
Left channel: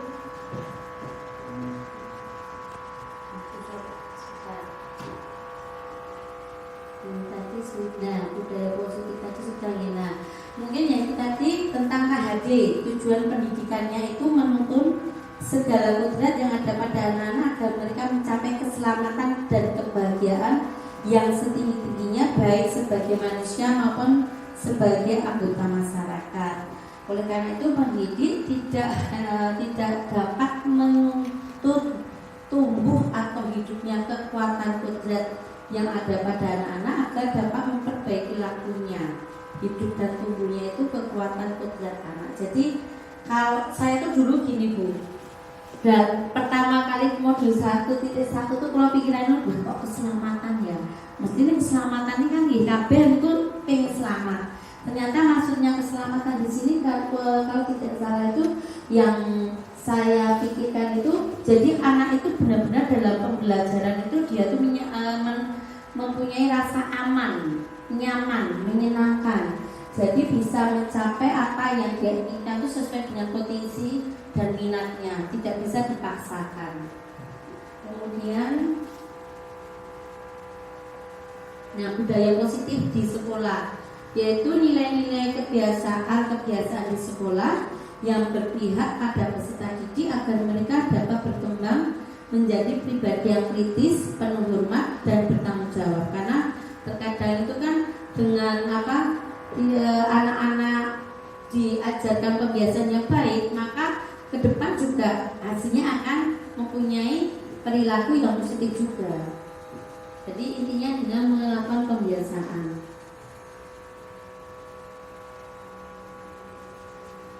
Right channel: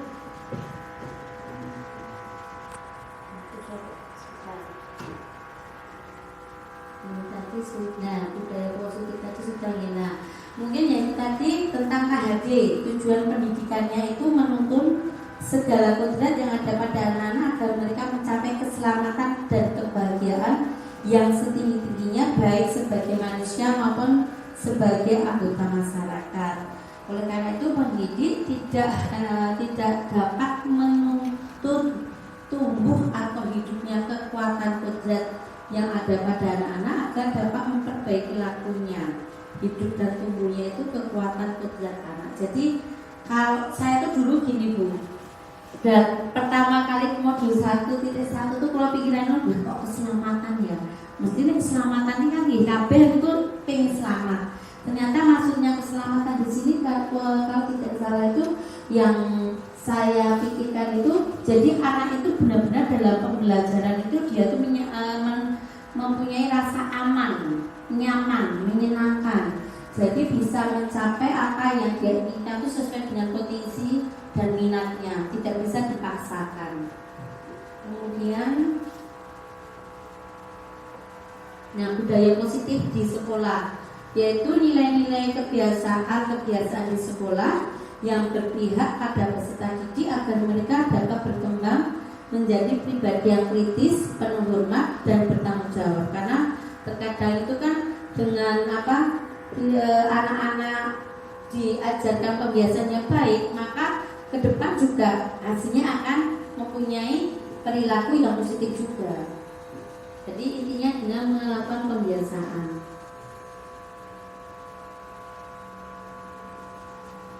tadi sudah budaya positif tadi sudah ya. Nah, mungkin yang tadi tentang KHD, tujuan pendidikannya itu menuntun segala kodrat yang ada pada anak-anak agar mereka mencapai keselamatan dan kebahagiaan yang setinggi-tingginya baik sebagai manusia maupun sebagai anggota masyarakat. Oleh karena itu pendidik tidak dapat menuntut tumbuh atau hidupnya kekuatan kodrat yang ada pada anak-anak agar dapat memperbaiki lakunya. Hidup dan tumbuhnya itu kekuatan kodrat anak. Jadi kalau saya tuh dulu gini Bu, dan pertama kali modul 1.1 tuh kalau pikirannya kok keselamatan ya, mesti keselamatan ini kan kabeh itu pengen selamat. Ternyata maksudnya keselamatan di sini kalau tidak salah itu yang saya pikirkan itu, jadi anak itu benar-benar dalam pembelajaran itu dia tuh mempunyai rasa aman, nyaman, menyenangkan. Jadi bisa mencapai apa yang dia inginkan itu sesuai dengan potensi dan minatnya, tidak bisa dipaksakan. Kemudian, nah budaya positif di sekolah, yaitu nilai-nilai kebiasaan di sekolah yang berpihak pada peserta didik agar mereka dapat berkembang menjadi pribadi yang kritis, penuh hormat dan bertanggung jawab. Karena terkadang itu kan dengan anak-anak diajarkan kebiasaan yang baik, maka ke depan juga hasilnya akan mempunyai perilaku yang positif juga. Jadi intinya dengan melakukan pembiasaan.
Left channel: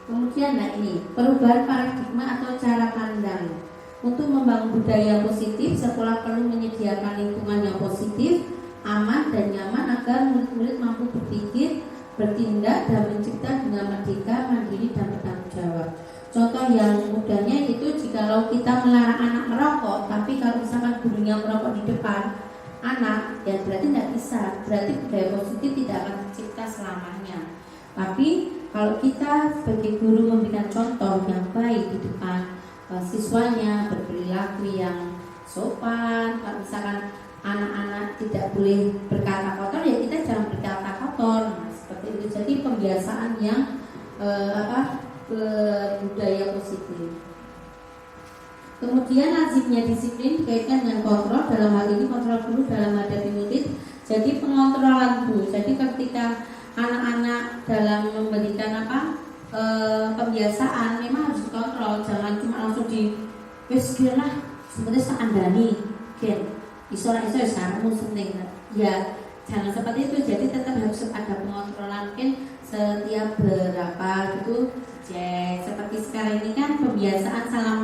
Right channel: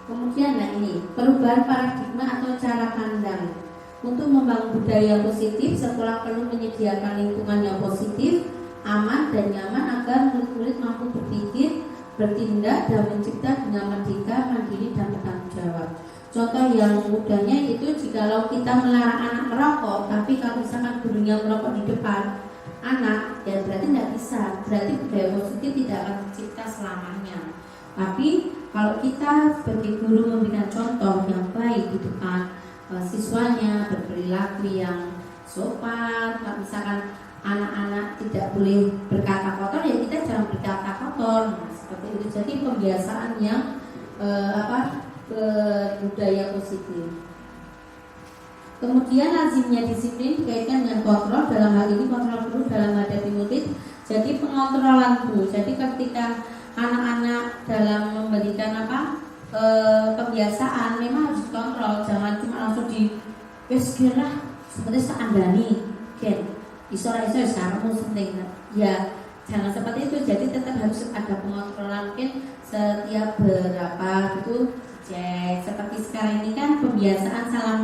Kemudian ini perubahan paradigma atau cara pandang. Untuk membangun budaya positif, sekolah perlu menyediakan lingkungan yang positif, aman dan nyaman agar murid-murid mampu berpikir, bertindak dan mencipta dengan merdeka, mandiri dan bertanggung jawab. Contoh yang mudahnya itu jikalau kita melarang anak merokok, tapi kalau misalkan gurunya merokok di depan anak, ya berarti tidak bisa. Berarti budaya positif tidak akan tercipta selamanya. Tapi kalau kita sebagai guru memberikan contoh yang baik di depan siswanya, berperilaku yang sopan, kalau misalkan anak-anak tidak boleh berkata kotor, ya kita jangan berkata kotor. Nah, seperti itu. Jadi pembiasaan yang budaya positif. Kemudian lazimnya disiplin dikaitkan dengan kontrol, dalam hal ini kontrol guru dalam hadapi murid. Jadi pengontrolan guru. Jadi ketika anak-anak dalam memberikan pembiasaan memang harus dikontrol, jangan cuma langsung lah seperti seandani kan iso sarmu seneng ya, jangan seperti itu. Jadi tetap harus ada pengontrolan, mungkin setiap berapa gitu cek. Seperti sekarang ini kan pembiasaan salam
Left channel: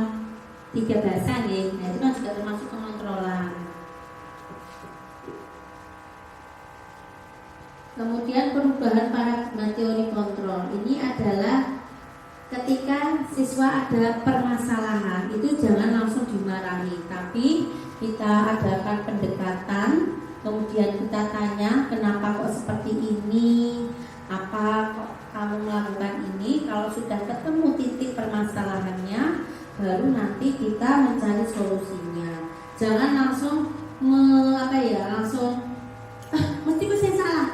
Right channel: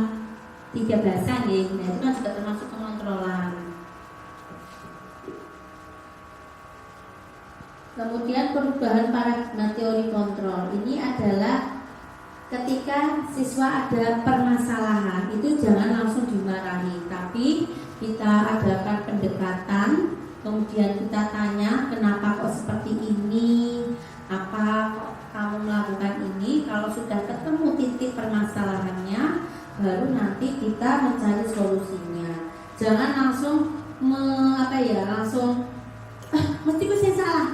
13-an ya, nah itu kan juga termasuk pengontrolan. Kemudian perubahan paradigma teori kontrol ini adalah ketika siswa ada permasalahan itu jangan langsung dimarahi, tapi kita adakan pendekatan, kemudian kita tanya kenapa kok seperti ini, apa kok kamu melakukan ini. Kalau sudah ketemu titik permasalahannya, baru nanti kita mencari solusinya. Jangan langsung langsung mesti saya salah,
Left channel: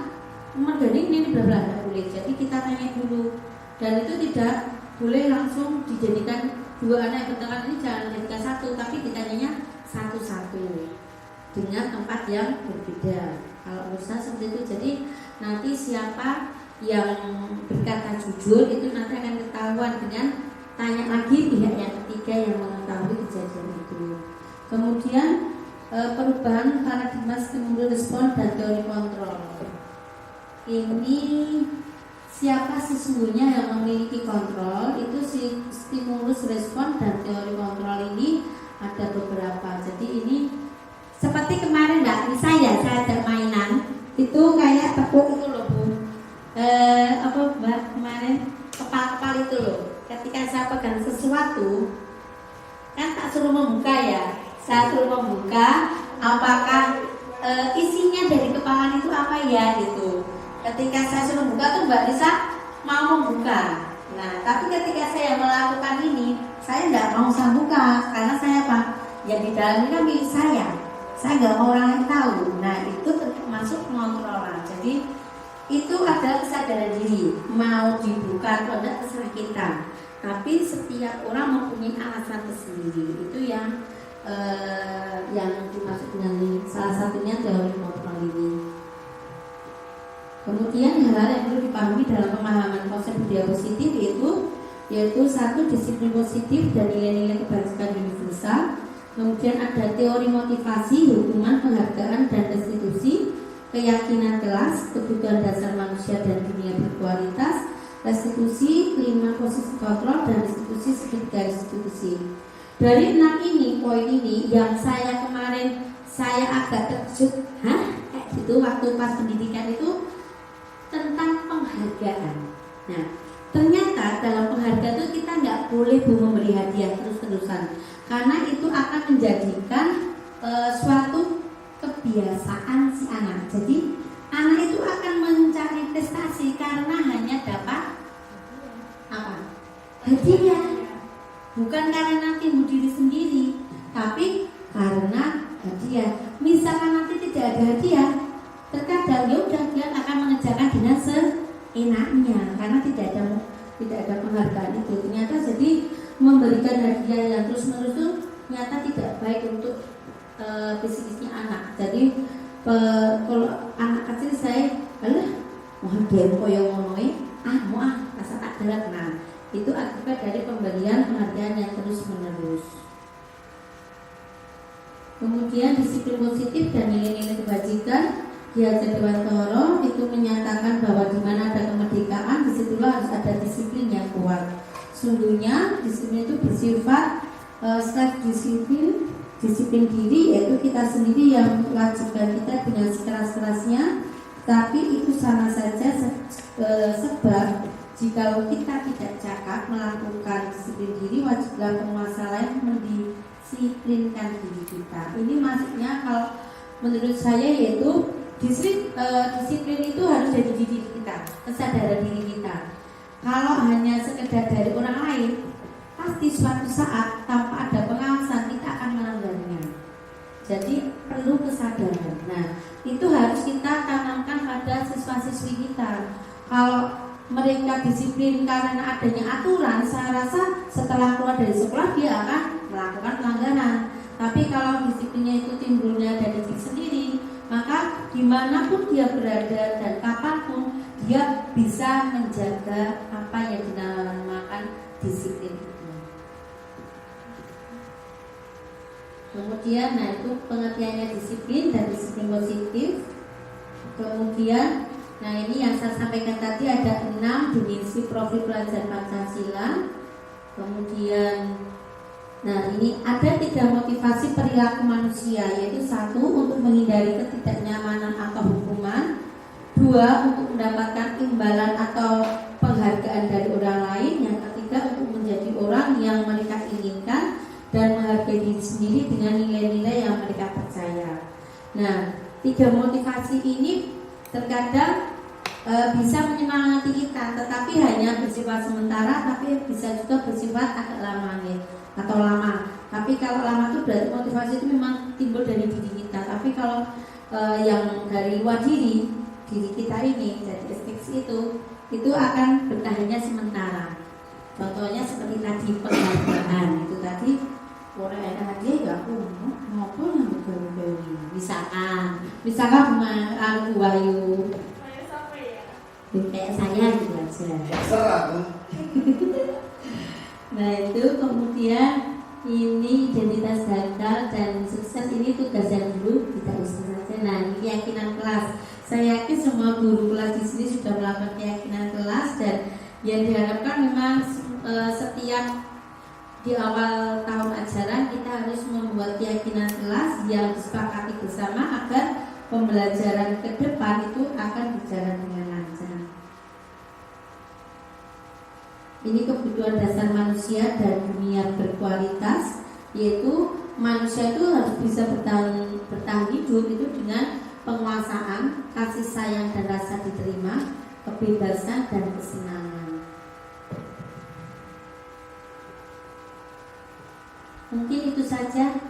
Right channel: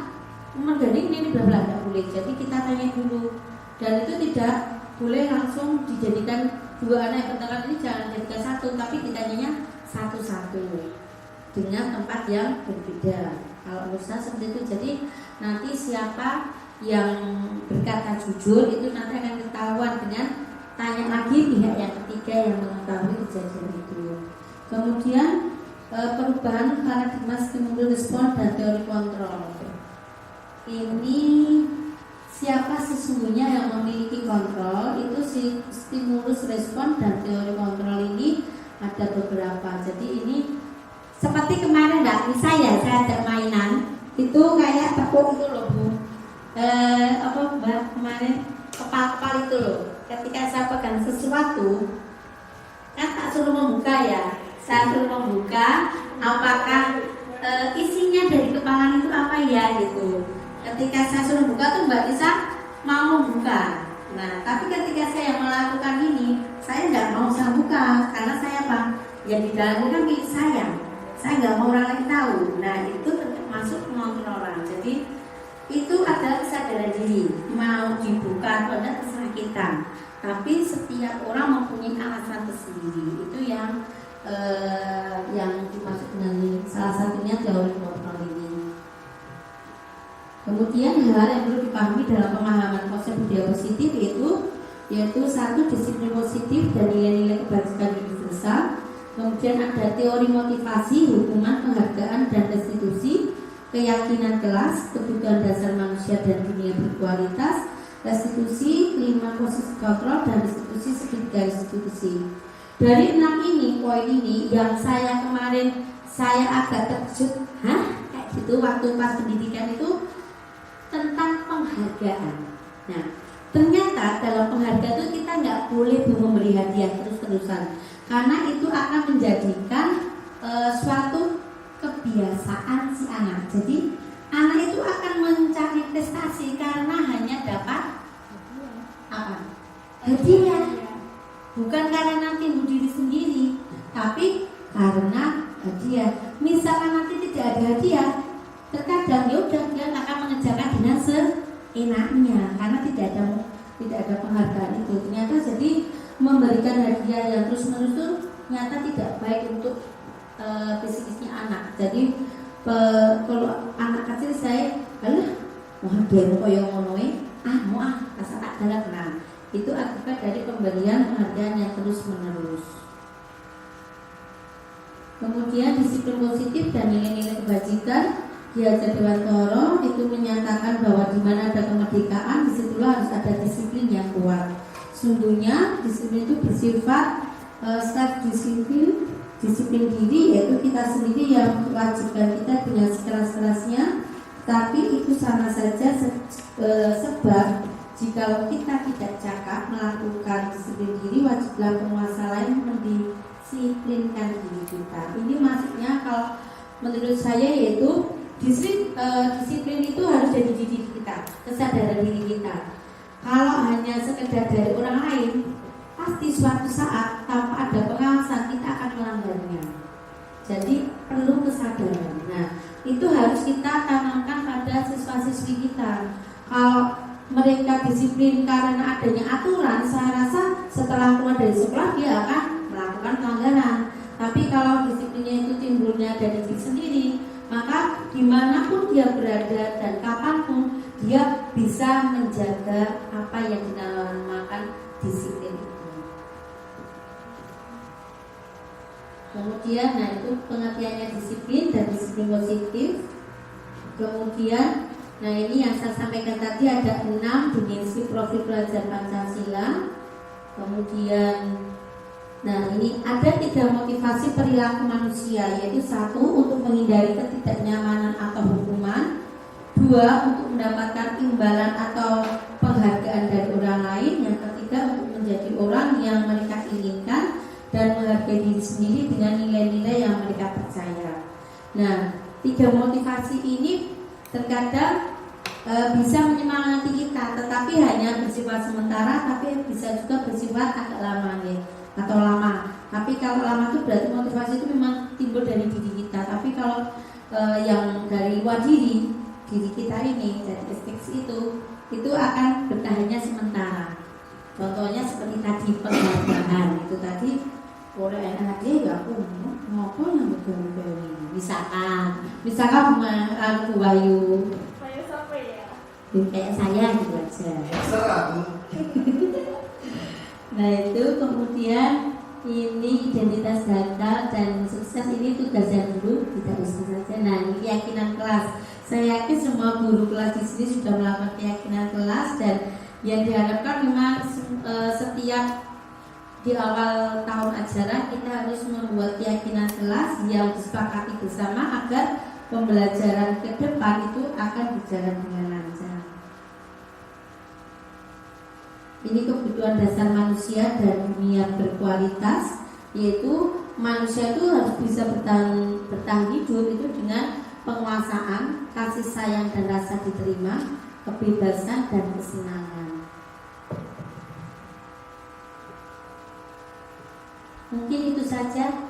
mending ini benar-benar boleh. Jadi kita tanya dulu, dan itu tidak boleh langsung dijadikan dua anak yang bertengkar ini, jangan dijadikan satu, tapi ditanyanya satu-satu dengan tempat yang berbeda. Kalau menurut saya seperti itu. Jadi nanti siapa yang berkata jujur itu nanti akan ketahuan dengan tanya lagi pihak yang ketiga yang mengetahui kejadian itu. Kemudian perubahan paradigma stimulus respon dan teori kontrol. Ini siapa sesungguhnya yang memiliki kontrol, itu si stimulus respon dan teori kontrol ini ada beberapa. Jadi ini seperti kemarin saya ada mainan itu kayak tepuk itu loh Bu, Mbak kemarin kepal-kepal itu loh. Ketika saya pegang sesuatu kan tak suruh membuka ya, saya suruh membuka apakah isinya dari kepalan itu apa ya gitu. Ketika saya suruh buka tuh Mbak Lisa mau membuka. Nah, tapi ketika saya melakukan ini, saya nggak mau saya buka karena saya yang di dalam ini kan milik saya. Saya nggak mau orang lain tahu. Nah, itu termasuk pengontrolan. Jadi itu adalah kesadaran diri. Mau dibuka atau tidak terserah kita. Tapi setiap orang mempunyai alasan tersendiri. Itu yang dimaksud dengan salah satunya teori kontrol ini. Kemudian hal yang perlu dipahami dalam pemahaman konsep budaya positif yaitu satu, disiplin positif dan nilai-nilai kebajikan universal. Kemudian ada teori motivasi, hukuman, penghargaan dan restitusi, keyakinan kelas, kebutuhan dasar manusia dan dunia berkualitas, restitusi, kelima posisi kontrol dan restitusi segitiga restitusi. Dari 6 ini, poin ini yang saya kemarin agak terkejut, kayak gitu waktu pas pendidikan itu tentang penghargaan. Nah, ternyata dalam penghargaan itu kita nggak boleh memberi hadiah terus-terusan, karena itu akan menjadikan suatu kebiasaan si anak. Jadi anak itu akan mencari prestasi karena hanya dapat hadiah, bukan karena timbul diri sendiri, tapi karena hadiah. Misalkan nanti tidak ada hadiah, terkadang ya udah dia akan mengerjakan dengan seenaknya karena tidak ada penghargaan itu. Ternyata jadi memberikan hadiah yang terus-menerus itu ternyata tidak baik untuk psikisnya anak. Jadi kalau anak kecil saya mau hadiah koyo ngono mau rasa tak darat. Nah, itu akibat dari pemberian penghargaan yang terus-menerus. Kemudian disiplin positif dan nilai-nilai kebajikan. Diajar Dewantoro itu menyatakan bahwa di mana ada kemerdekaan, disitulah harus ada disiplin yang kuat. Sungguhnya disiplin itu bersifat self-disiplin, disiplin diri, yaitu kita sendiri yang mewajibkan kita dengan sekeras-kerasnya. Tapi itu sama saja sebab jika kita tidak cakap melakukan disiplin diri, wajiblah penguasa lain mendisiplinkan diri kita. Ini maksudnya kalau menurut saya yaitu disiplin itu harus jadi diri kita, kesadaran diri kita. Kalau hanya sekedar dari orang lain, pasti suatu saat tanpa ada pengawasan kita akan melanggarnya. Jadi perlu kesadaran harus kita tanamkan pada siswa-siswi kita. Kalau mereka disiplin karena adanya aturan, saya rasa setelah keluar dari sekolah dia akan melakukan pelanggaran. Tapi kalau disiplinnya itu timbulnya dari diri sendiri, maka dimanapun dia berada dan kapanpun dia bisa menjaga apa yang dinamakan disiplin itu. Kemudian, nah itu pengertiannya disiplin dan disiplin positif. Kemudian, nah ini yang saya sampaikan tadi ada 6 dimensi profil belajar Pancasila. Kemudian, nah ini ada 3 motivasi perilaku manusia, yaitu 1 untuk menghindari ketidaknyamanan atau hukuman, 2 untuk mendapatkan imbalan atau penghargaan dari orang lain, yang ketiga untuk menjadi orang yang mereka inginkan dan menghargai diri sendiri dengan nilai-nilai yang mereka percaya. Nah, 3 motivasi ini terkadang bisa menyemangati kita, tetapi hanya bersifat sementara, tapi bisa juga bersifat agak lama ya, atau lama. Tapi kalau lama itu berarti motivasi itu memang timbul dari diri kita. Tapi kalau yang dari luar diri kita ini, dari ekspektasi itu akan bertahannya sementara. Contohnya seperti tadi penghargaan itu tadi, orang enak hadiah ya aku ngopo yang berbeda. Misalkan bunga aku Bayu. Saya siapa ya? Kayak saya gitu aja. Nah itu kemudian ini identitas gagal dan sukses, ini tugas yang dulu kita usah saja. Nah ini keyakinan kelas. Saya yakin semua guru kelas di sini sudah melakukan keyakinan kelas, dan yang diharapkan memang setiap di awal tahun ajaran kita harus membuat keyakinan kelas yang disepakati bersama agar pembelajaran ke depan itu akan berjalan dengan lancar. Ini kebutuhan dasar manusia dan dunia berkualitas, yaitu manusia itu harus bisa bertahan hidup itu dengan penguasaan, kasih sayang dan rasa diterima, kebebasan dan kesenangan. Mungkin itu saja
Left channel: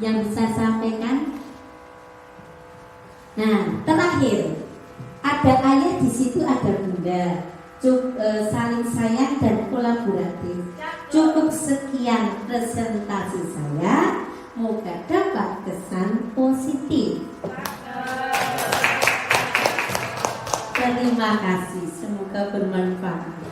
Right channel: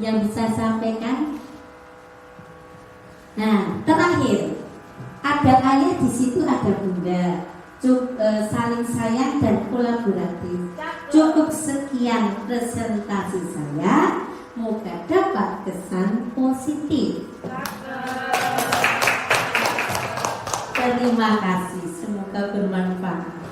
yang bisa saya sampaikan. Nah, terakhir ada ayah di situ, ada bunda. Saling sayang dan kolaboratif. Cukup sekian presentasi saya. Moga dapat kesan positif. Terima kasih. Semoga bermanfaat.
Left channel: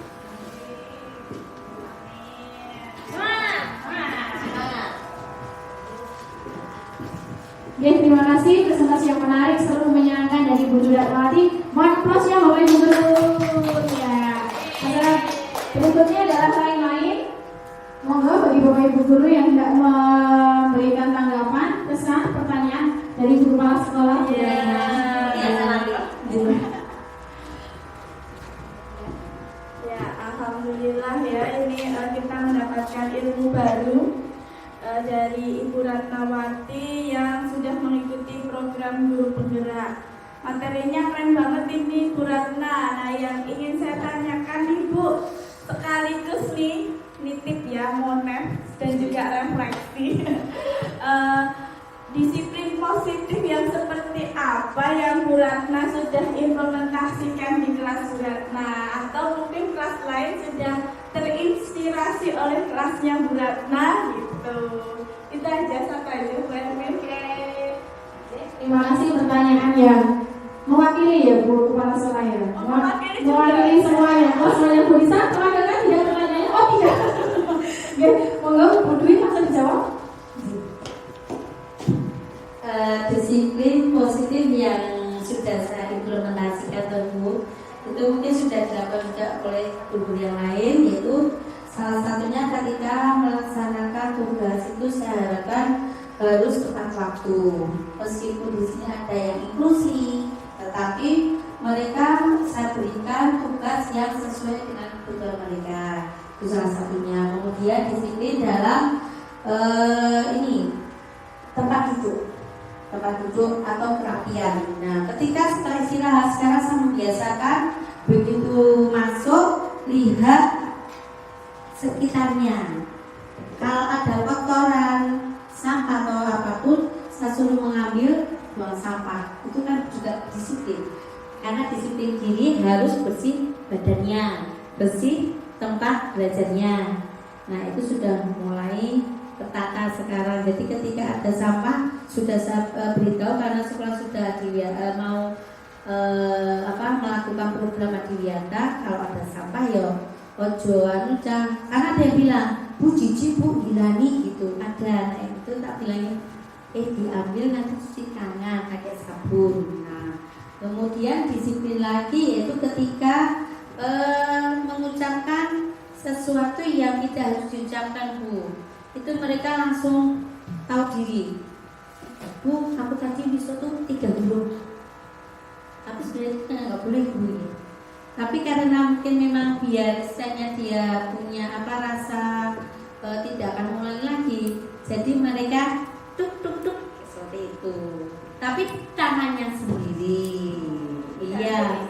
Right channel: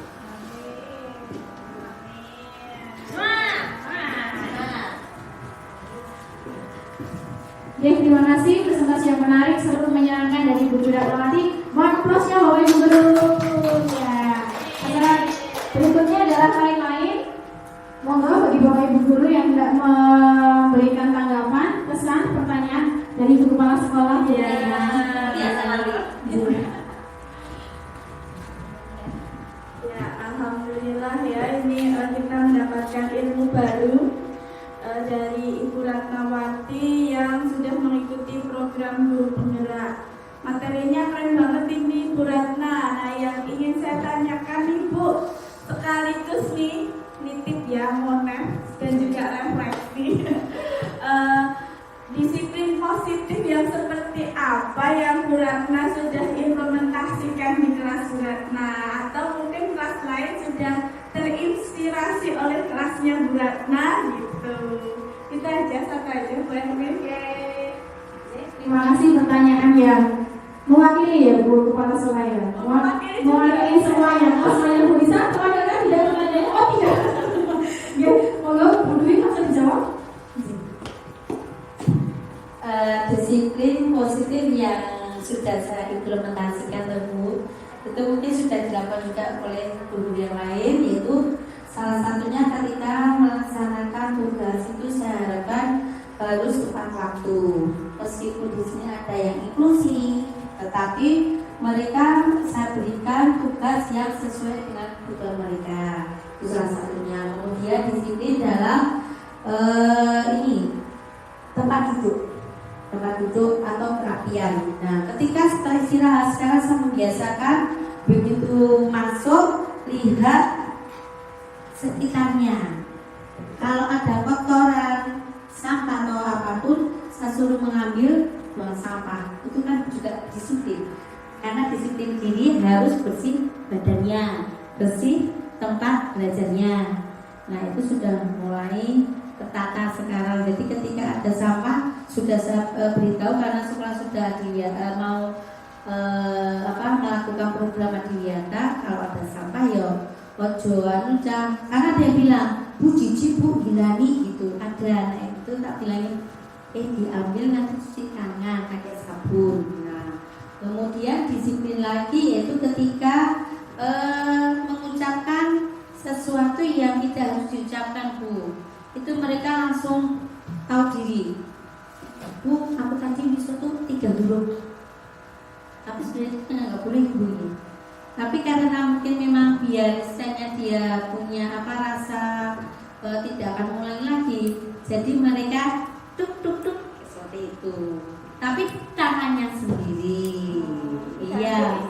Oke, terima kasih presentasi yang menarik, seru, menyenangkan dari Bu Guru Darmawati. Mohon aplaus ya Bapak Ibu Guru. Ya, berikutnya adalah lain-lain. Monggo bagi Bapak Ibu Guru yang tidak memberikan tanggapan, pesan, pertanyaan dari guru kepala sekolah. Ya, alhamdulillah ya, ini kita mendapatkan ilmu baru dari Ibu Ratnawati yang sudah mengikuti program guru penggerak. Materinya keren banget ini Bu Ratna. Nah, yang ingin saya tanyakan nih Bu, sekaligus nih nitip ya, monet dan juga refleksi. Disiplin positif yang seperti apa yang Bu Ratna sudah implementasikan di kelas Bu Ratna, atau mungkin kelas lain sudah terinspirasi oleh kelasnya Bu Ratna gitu. Itu aja saja Bu Erwin. Terima kasih pertanyaan yang mewakili ya Bu Kepala Sekolah ya. Mewakili semuanya. Kalau semuanya Bu bisa, kalau mereka tidak pertanyaannya, oh tidak. Ya, monggo Bu Dwi langsung dijawab. Disiplin positif yang sudah saya implementasikan Bu, itu mungkin sudah dilakukan juga oleh guru yang lain, yaitu salah satunya ketika melaksanakan tugas itu saya harapkan harus tepat waktu. Meskipun di sini ada yang inklusi, tetapi mereka saya berikan tugas yang sesuai dengan kebutuhan mereka. Itu salah satunya. Kemudian disiplin dalam tempat duduk atau kerapian. Nah, ketika setelah istirahat sekarang saya membiasakan begitu masuk lihat sekitarnya. Kalau ada kotoran, sampah atau apapun, saya suruh mengambil buang sampah itu kan juga disiplin, karena disiplin diri harus bersih badannya, bersih tempat belajarnya. Nah itu sudah mulai tertata sekarang. Jadi ketika ada sampah sudah saya beritahu, karena sekolah sudah mau melakukan program Adiwiyata, kalau ada sampah ya ojo karena ada yang bilang Bu Cici, Bu Hilani gitu ada. Nah itu tak bilangin diambil nanti cuci tangan pakai sabun. Nah kemudian disiplin lagi yaitu ketika mengucapkan sesuatu yang tidak harus diucapkan Bu, itu mereka langsung tahu diri. Bu, aku tadi bisa tuh 3 huruf, tapi sebenarnya nggak boleh Bu ini. Tapi karena mungkin memang biasanya dia punya rasa tidak akan mengulangi lagi, jadi mereka tuk tuk tuk seperti itu. Tapi tangannya sendiri, iya,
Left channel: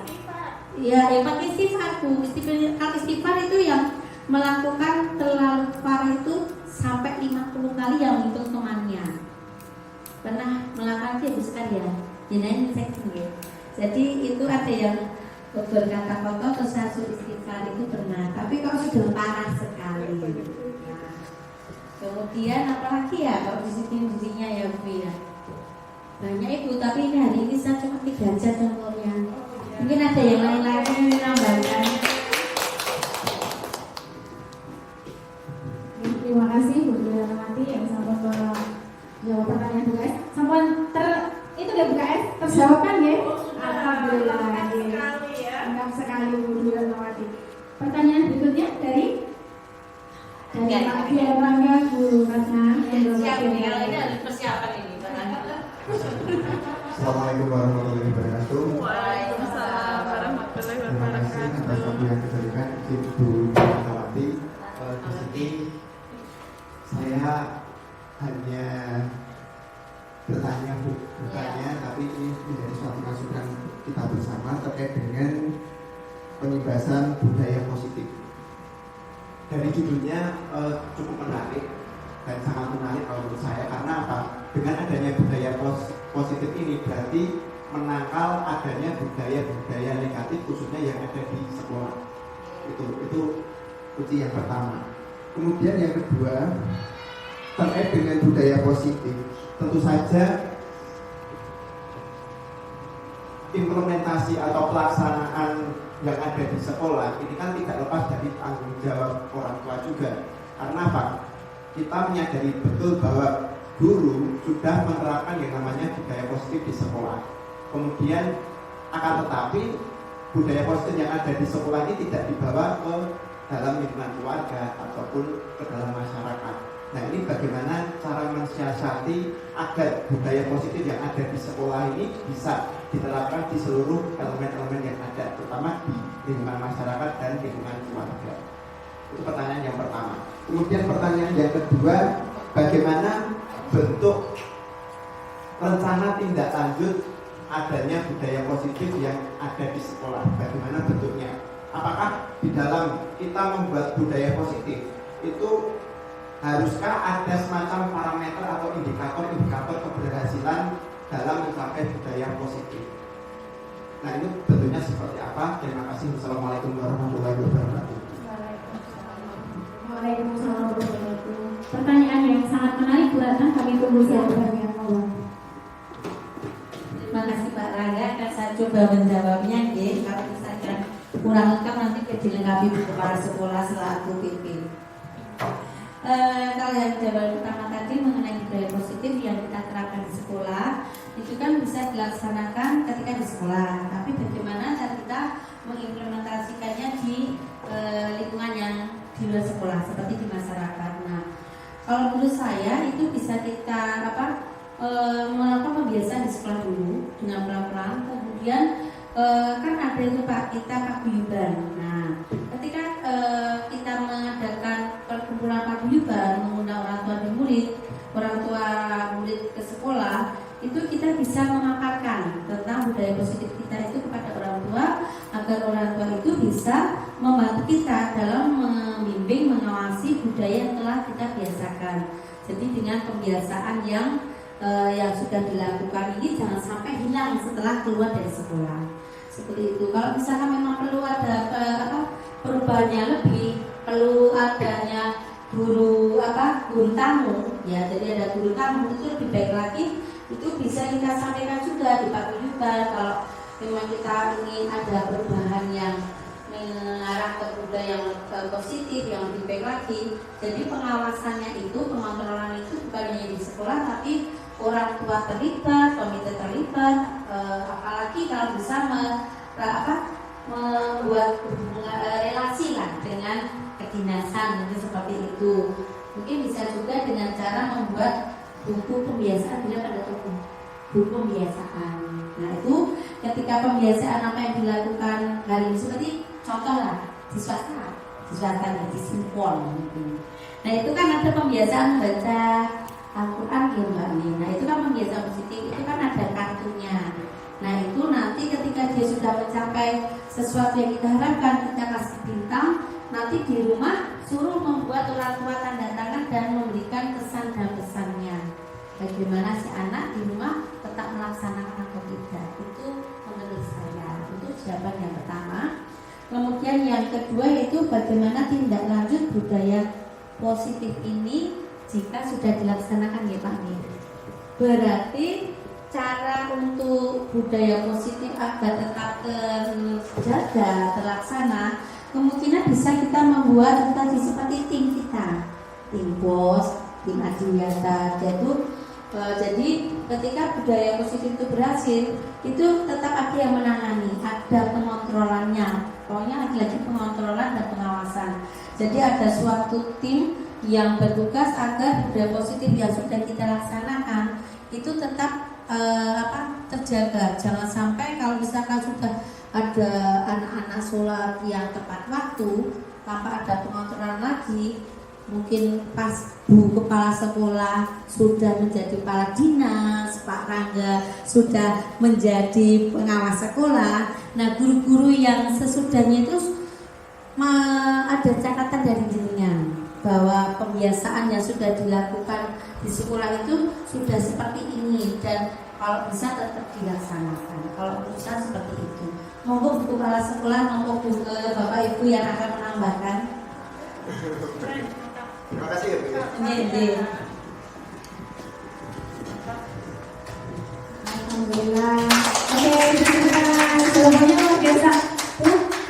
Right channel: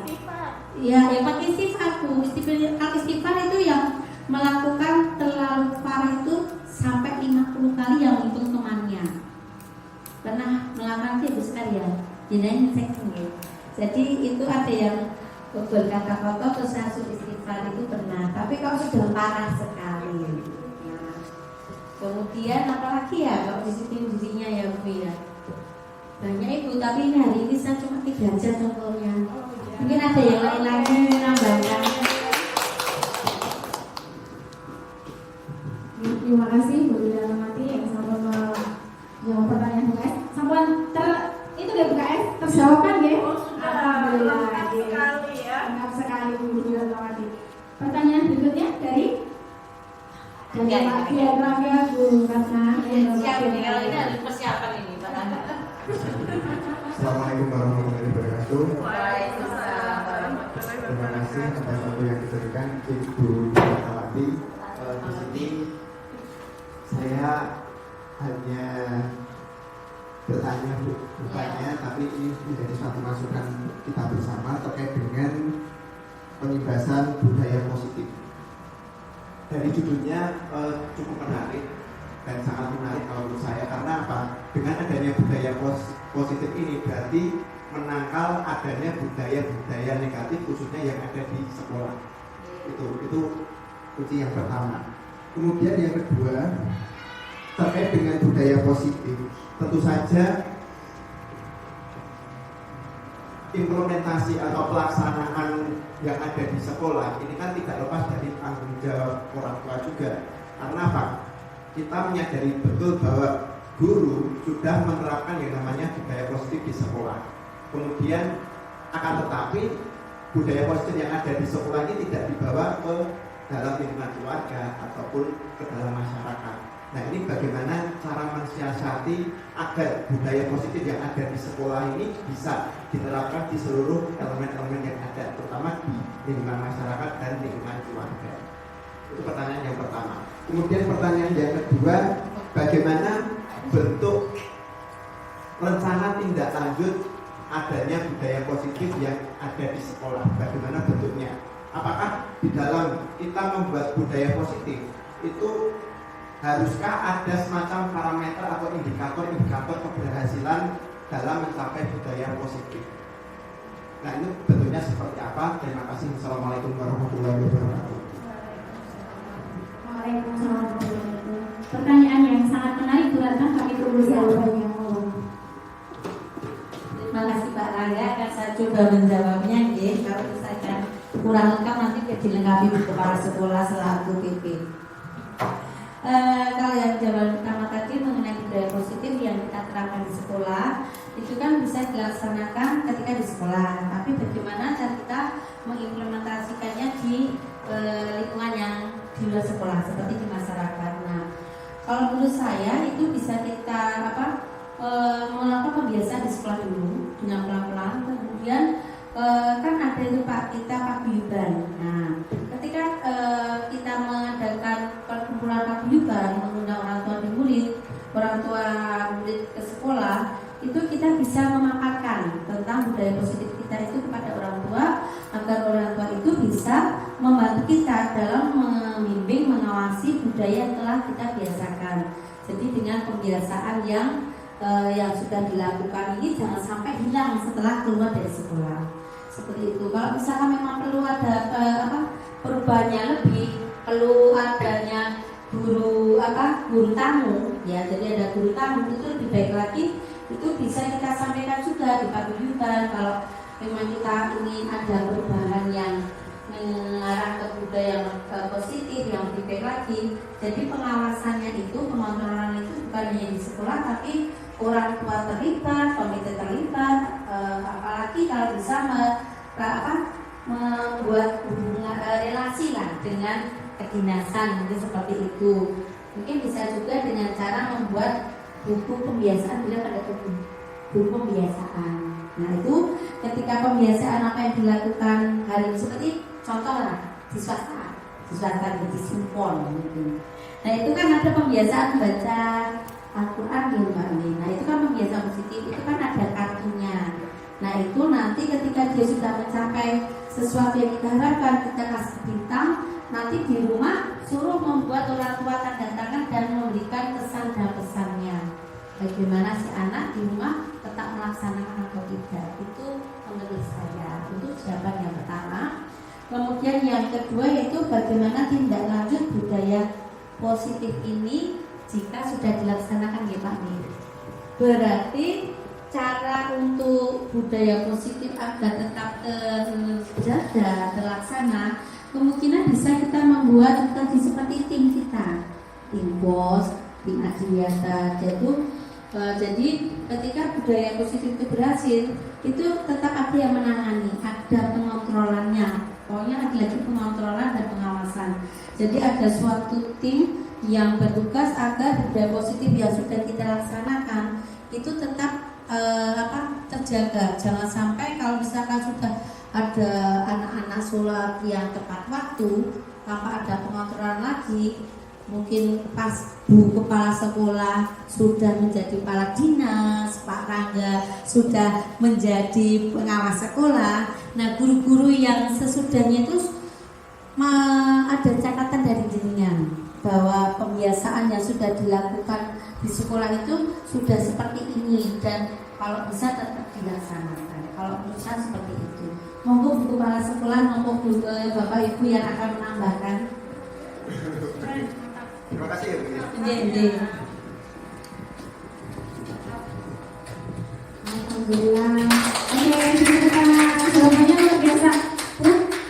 ya pakai istighfarku. Istighfar itu yang melakukan terlalu parah itu sampai 50 kali yang hitung temannya. Pernah melakukan itu sekali ya, jenayah cek ya. Jadi itu ada yang berkata kotor terus harus istighfar itu pernah. Tapi kalau sudah parah sekali, nah, kemudian apalagi ya kalau disiplin dirinya ya Bu ya. Banyak Ibu, tapi ini hari ini saya cuma 3 aja contohnya. Mungkin ada yang lain lagi menambahkan. Terima kasih Bu Rahmati yang sampun menjawab pertanyaan BKS. Sampun itu dari BKS terjawab kan ya? Alhamdulillah. Lengkap sekali Bu Rahmati. Pertanyaan berikutnya dari Pak Dian Rangga Bu Ratna. Siap ini, kalau ini harus persiapan ini. Assalamualaikum warahmatullahi wabarakatuh. Terima kasih atas waktu yang diberikan Ibu Rahmati. Di sini saya hanya bertanya bukannya, tapi ini menjadi suatu masukan kita bersama terkait dengan pengibasan budaya positif. Dari judulnya cukup menarik dan sangat menarik kalau menurut saya, karena apa? Dengan adanya budaya positif ini berarti menangkal adanya budaya-budaya negatif khususnya yang ada di sekolah. Itu kunci yang pertama. Kemudian yang kedua, terkait dengan budaya positif, tentu saja implementasi atau pelaksanaan yang ada di sekolah ini kan tidak lepas dari tanggung jawab orang tua juga. Karena apa? Kita menyadari betul bahwa guru sudah menerapkan yang namanya budaya positif di sekolah. Kemudian akan tetapi budaya positif yang ada di sekolah ini tidak dibawa ke dalam lingkungan keluarga ataupun ke dalam masyarakat. Nah ini bagaimana cara mensiasati agar budaya positif yang ada di sekolah ini bisa diterapkan di seluruh elemen-elemen yang ada, terutama di lingkungan masyarakat dan lingkungan keluarga. Itu pertanyaan yang pertama. Kemudian pertanyaan yang kedua, bagaimana bentuk rencana tindak lanjut adanya budaya positif yang ada di sekolah? Bagaimana bentuknya? Apakah di dalam kita membuat budaya positif itu haruskah ada semacam parameter atau indikator keberhasilan dalam mencapai budaya positif? Nah ini bentuknya seperti apa? Terima kasih. Wassalamualaikum warahmatullahi wabarakatuh. Waalaikumsalam warahmatullahi wabarakatuh. Pertanyaan yang sangat menarik Bu Ratna, kami tunggu jawabannya. Terima kasih Pak Rangga, akan saya coba menjawabnya. Kalau misalkan kurang lengkap nanti dilengkapi di kepala sekolah selaku PP. Kalau yang jawaban pertama tadi mengenai budaya positif yang kita terapkan di sekolah, itu kan bisa dilaksanakan ketika di sekolah. Tapi bagaimana cara kita mengimplementasikannya di lingkungan yang di luar sekolah, seperti di masyarakat. Nah, kalau menurut saya itu bisa kita melakukan pembiasaan di sekolah dulu dengan pelan-pelan. Kemudian kan ada itu Pak, kita paguyuban. Nah, ketika kita mengadakan perkumpulan paguyuban, mengundang orang tua dan orang tua murid ke sekolah, itu kita bisa memaparkan tentang budaya positif kita itu kepada orang tua, agar orang tua itu bisa membantu kita dalam membimbing, mengawasi budaya yang telah kita biasakan. Jadi dengan pembiasaan yang yang sudah dilakukan ini jangan sampai hilang setelah keluar dari sekolah. Seperti itu. Kalau misalkan memang perlu ada perubahannya lebih, perlu adanya guru tamu, ya jadi ada guru tamu itu lebih baik lagi, itu bisa kita sampaikan juga di paguyuban kalau memang kita ingin ada perubahan yang mengarah ke budaya yang positif, yang lebih baik lagi. Jadi pengawasannya itu, pengontrolan itu bukan hanya di sekolah, tapi orang tua terlibat, komite terlibat, apalagi kalau bisa membuat relasi lah dengan kedinasan, mungkin seperti itu. Mungkin bisa juga dengan cara membuat buku pembiasaan, bila pada buku pembiasaan. Nah itu ketika pembiasaan apa yang dilakukan hari ini, seperti contoh lah di swasta di Simpon gitu. Nah itu kan ada pembiasaan baca Al-Quran ya Mbak Ini. Nah itu kan pembiasaan positif, itu kan ada kartunya. Nah itu nanti ketika dia sudah mencapai sesuatu yang kita harapkan, kita kasih bintang. Nanti di rumah suruh membuat orang tua tanda tangan dan memberikan kesan dan pesannya. Bagaimana si anak di rumah tetap melaksanakan atau tidak. Itu menurut saya. Itu jawaban yang pertama. Kemudian yang kedua yaitu bagaimana tindak lanjut budaya positif ini jika sudah dilaksanakan ya Pak Mir. Berarti cara untuk budaya positif agar tetap terjaga, terlaksana, kemungkinan bisa kita membuat tadi seperti tim kita, tim BOS, tim Adiwiyata. Jadi ketika budaya positif itu berhasil, itu tetap ada yang menangani, ada pengontrolannya. Pokoknya ada lagi pengontrolan dan pengawasan. Jadi ada suatu tim yang bertugas agar budaya positif yang sudah kita laksanakan itu tetap terjaga. Jangan sampai kalau misalkan sudah ada anak-anak sholat yang tepat waktu tanpa ada pengontrolan lagi, mungkin pas Bu Kepala Sekolah sudah menjadi kepala dinas, Pak Rangga sudah menjadi pengawas sekolah. Nah guru-guru yang sesudahnya itu ada catatan dari jenengan bahwa pembiasaan yang sudah dilakukan di sekolah itu sudah seperti ini dan kalau bisa tetap dilaksanakan. Kalau bisa seperti itu. Monggo Bu Kepala Sekolah, monggo Bapak Ibu yang akan menambahkan. Terima kasih ya Bu. Iya. Alhamdulillah. Oke, semuanya luar biasa.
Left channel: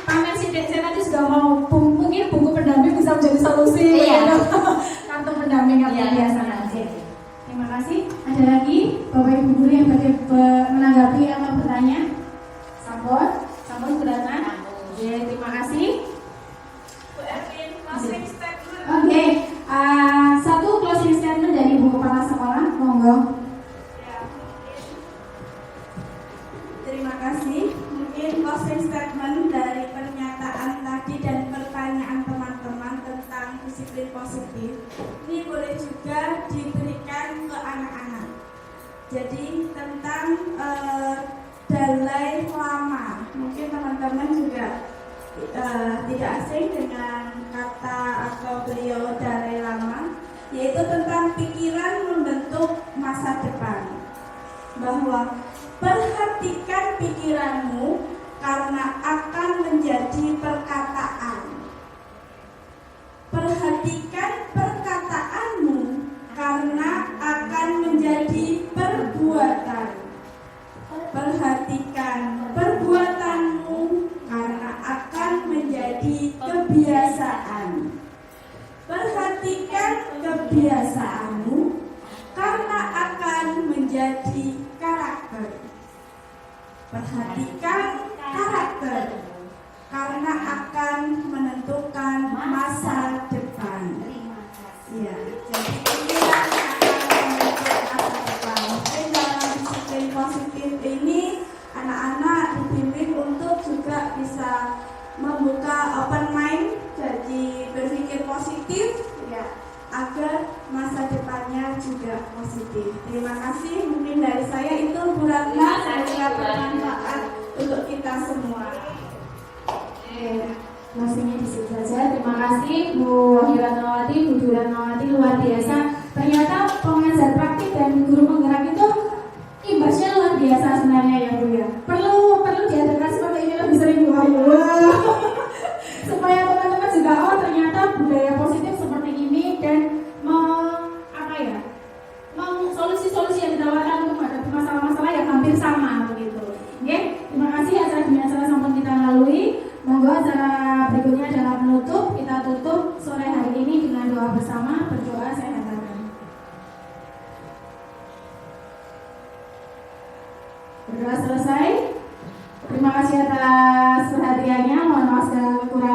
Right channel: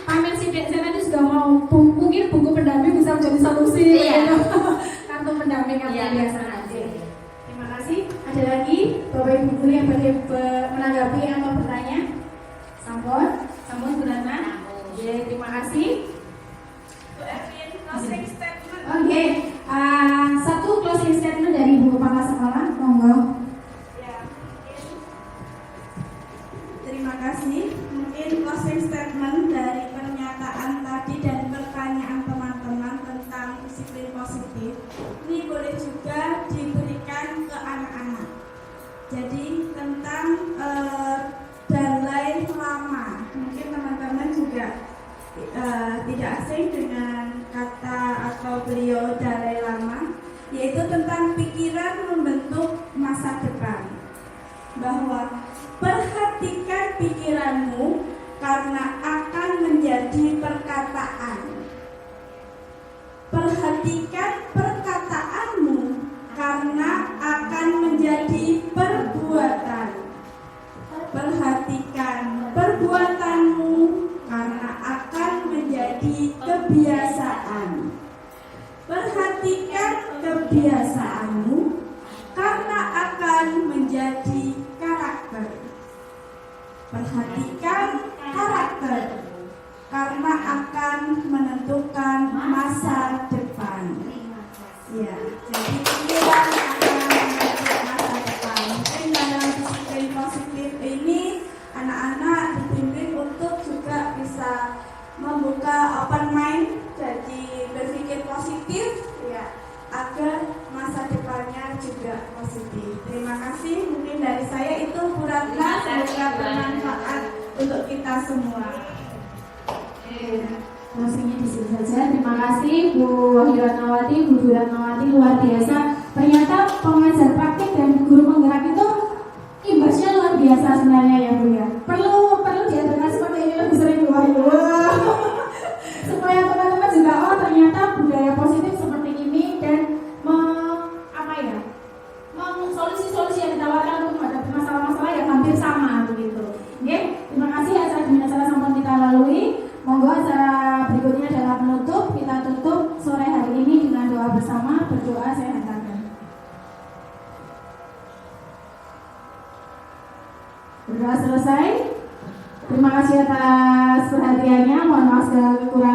Pamer si Vincent nanti sudah mau mungkin buku pendamping bisa menjadi solusi. Iya. Kartu pendamping yang Iya, biasa. oke. Terima kasih. Ada lagi Bapak Ibu guru yang menanggapi atau bertanya? Sampun beratan. Oke, terima kasih. Bu Erwin, closing statement. Oke, satu closing statement dari Bu Kepala Sekolah, monggo. Ya, terima kasih. Mungkin closing statement dari pernyataan tadi dan pertanyaan teman-teman tentang disiplin positif ini boleh juga diberikan ke anak-anak. Jadi tentang Dalai Lama, mungkin teman-teman juga tidak asing dengan kata atau beliau Dalai Lama, yaitu tentang pikiran membentuk masa depan. Bahwa perhatikan pikiranmu karena akan menjadi perkataan. Perhatikan perkataanmu karena akan menjadi perbuatan. Perhatikan perbuatanmu karena akan menjadi kebiasaan. Perhatikan kebiasaanmu karena akan menjadi karakter. Perhatikan karakter karena akan menentukan masa depan. Ya, jadi pikiran akan menentukan masa depan. Dan dalam disiplin positif ini anak-anak dibimbing untuk juga bisa membuka open mind, jadi berpikir positif ya, agar masa depannya juga positif. Terima kasih, mungkin dari saya itu Bu-Ratna, semoga bermanfaat untuk kita semua. Rasanya di sini saja. Terima kasih Bu Wahyu Ratnawati, Bu Dwi Ratnawati, luar biasa. Ternyata pengajar praktik dan guru penggerak berikutnya adalah penutup. Kita tutup sore hari ini dengan doa bersama, berdoa saya hantarkan. Berdoa selesai. Terima kasih atas perhatiannya. Mohon maaf segala kekurangan.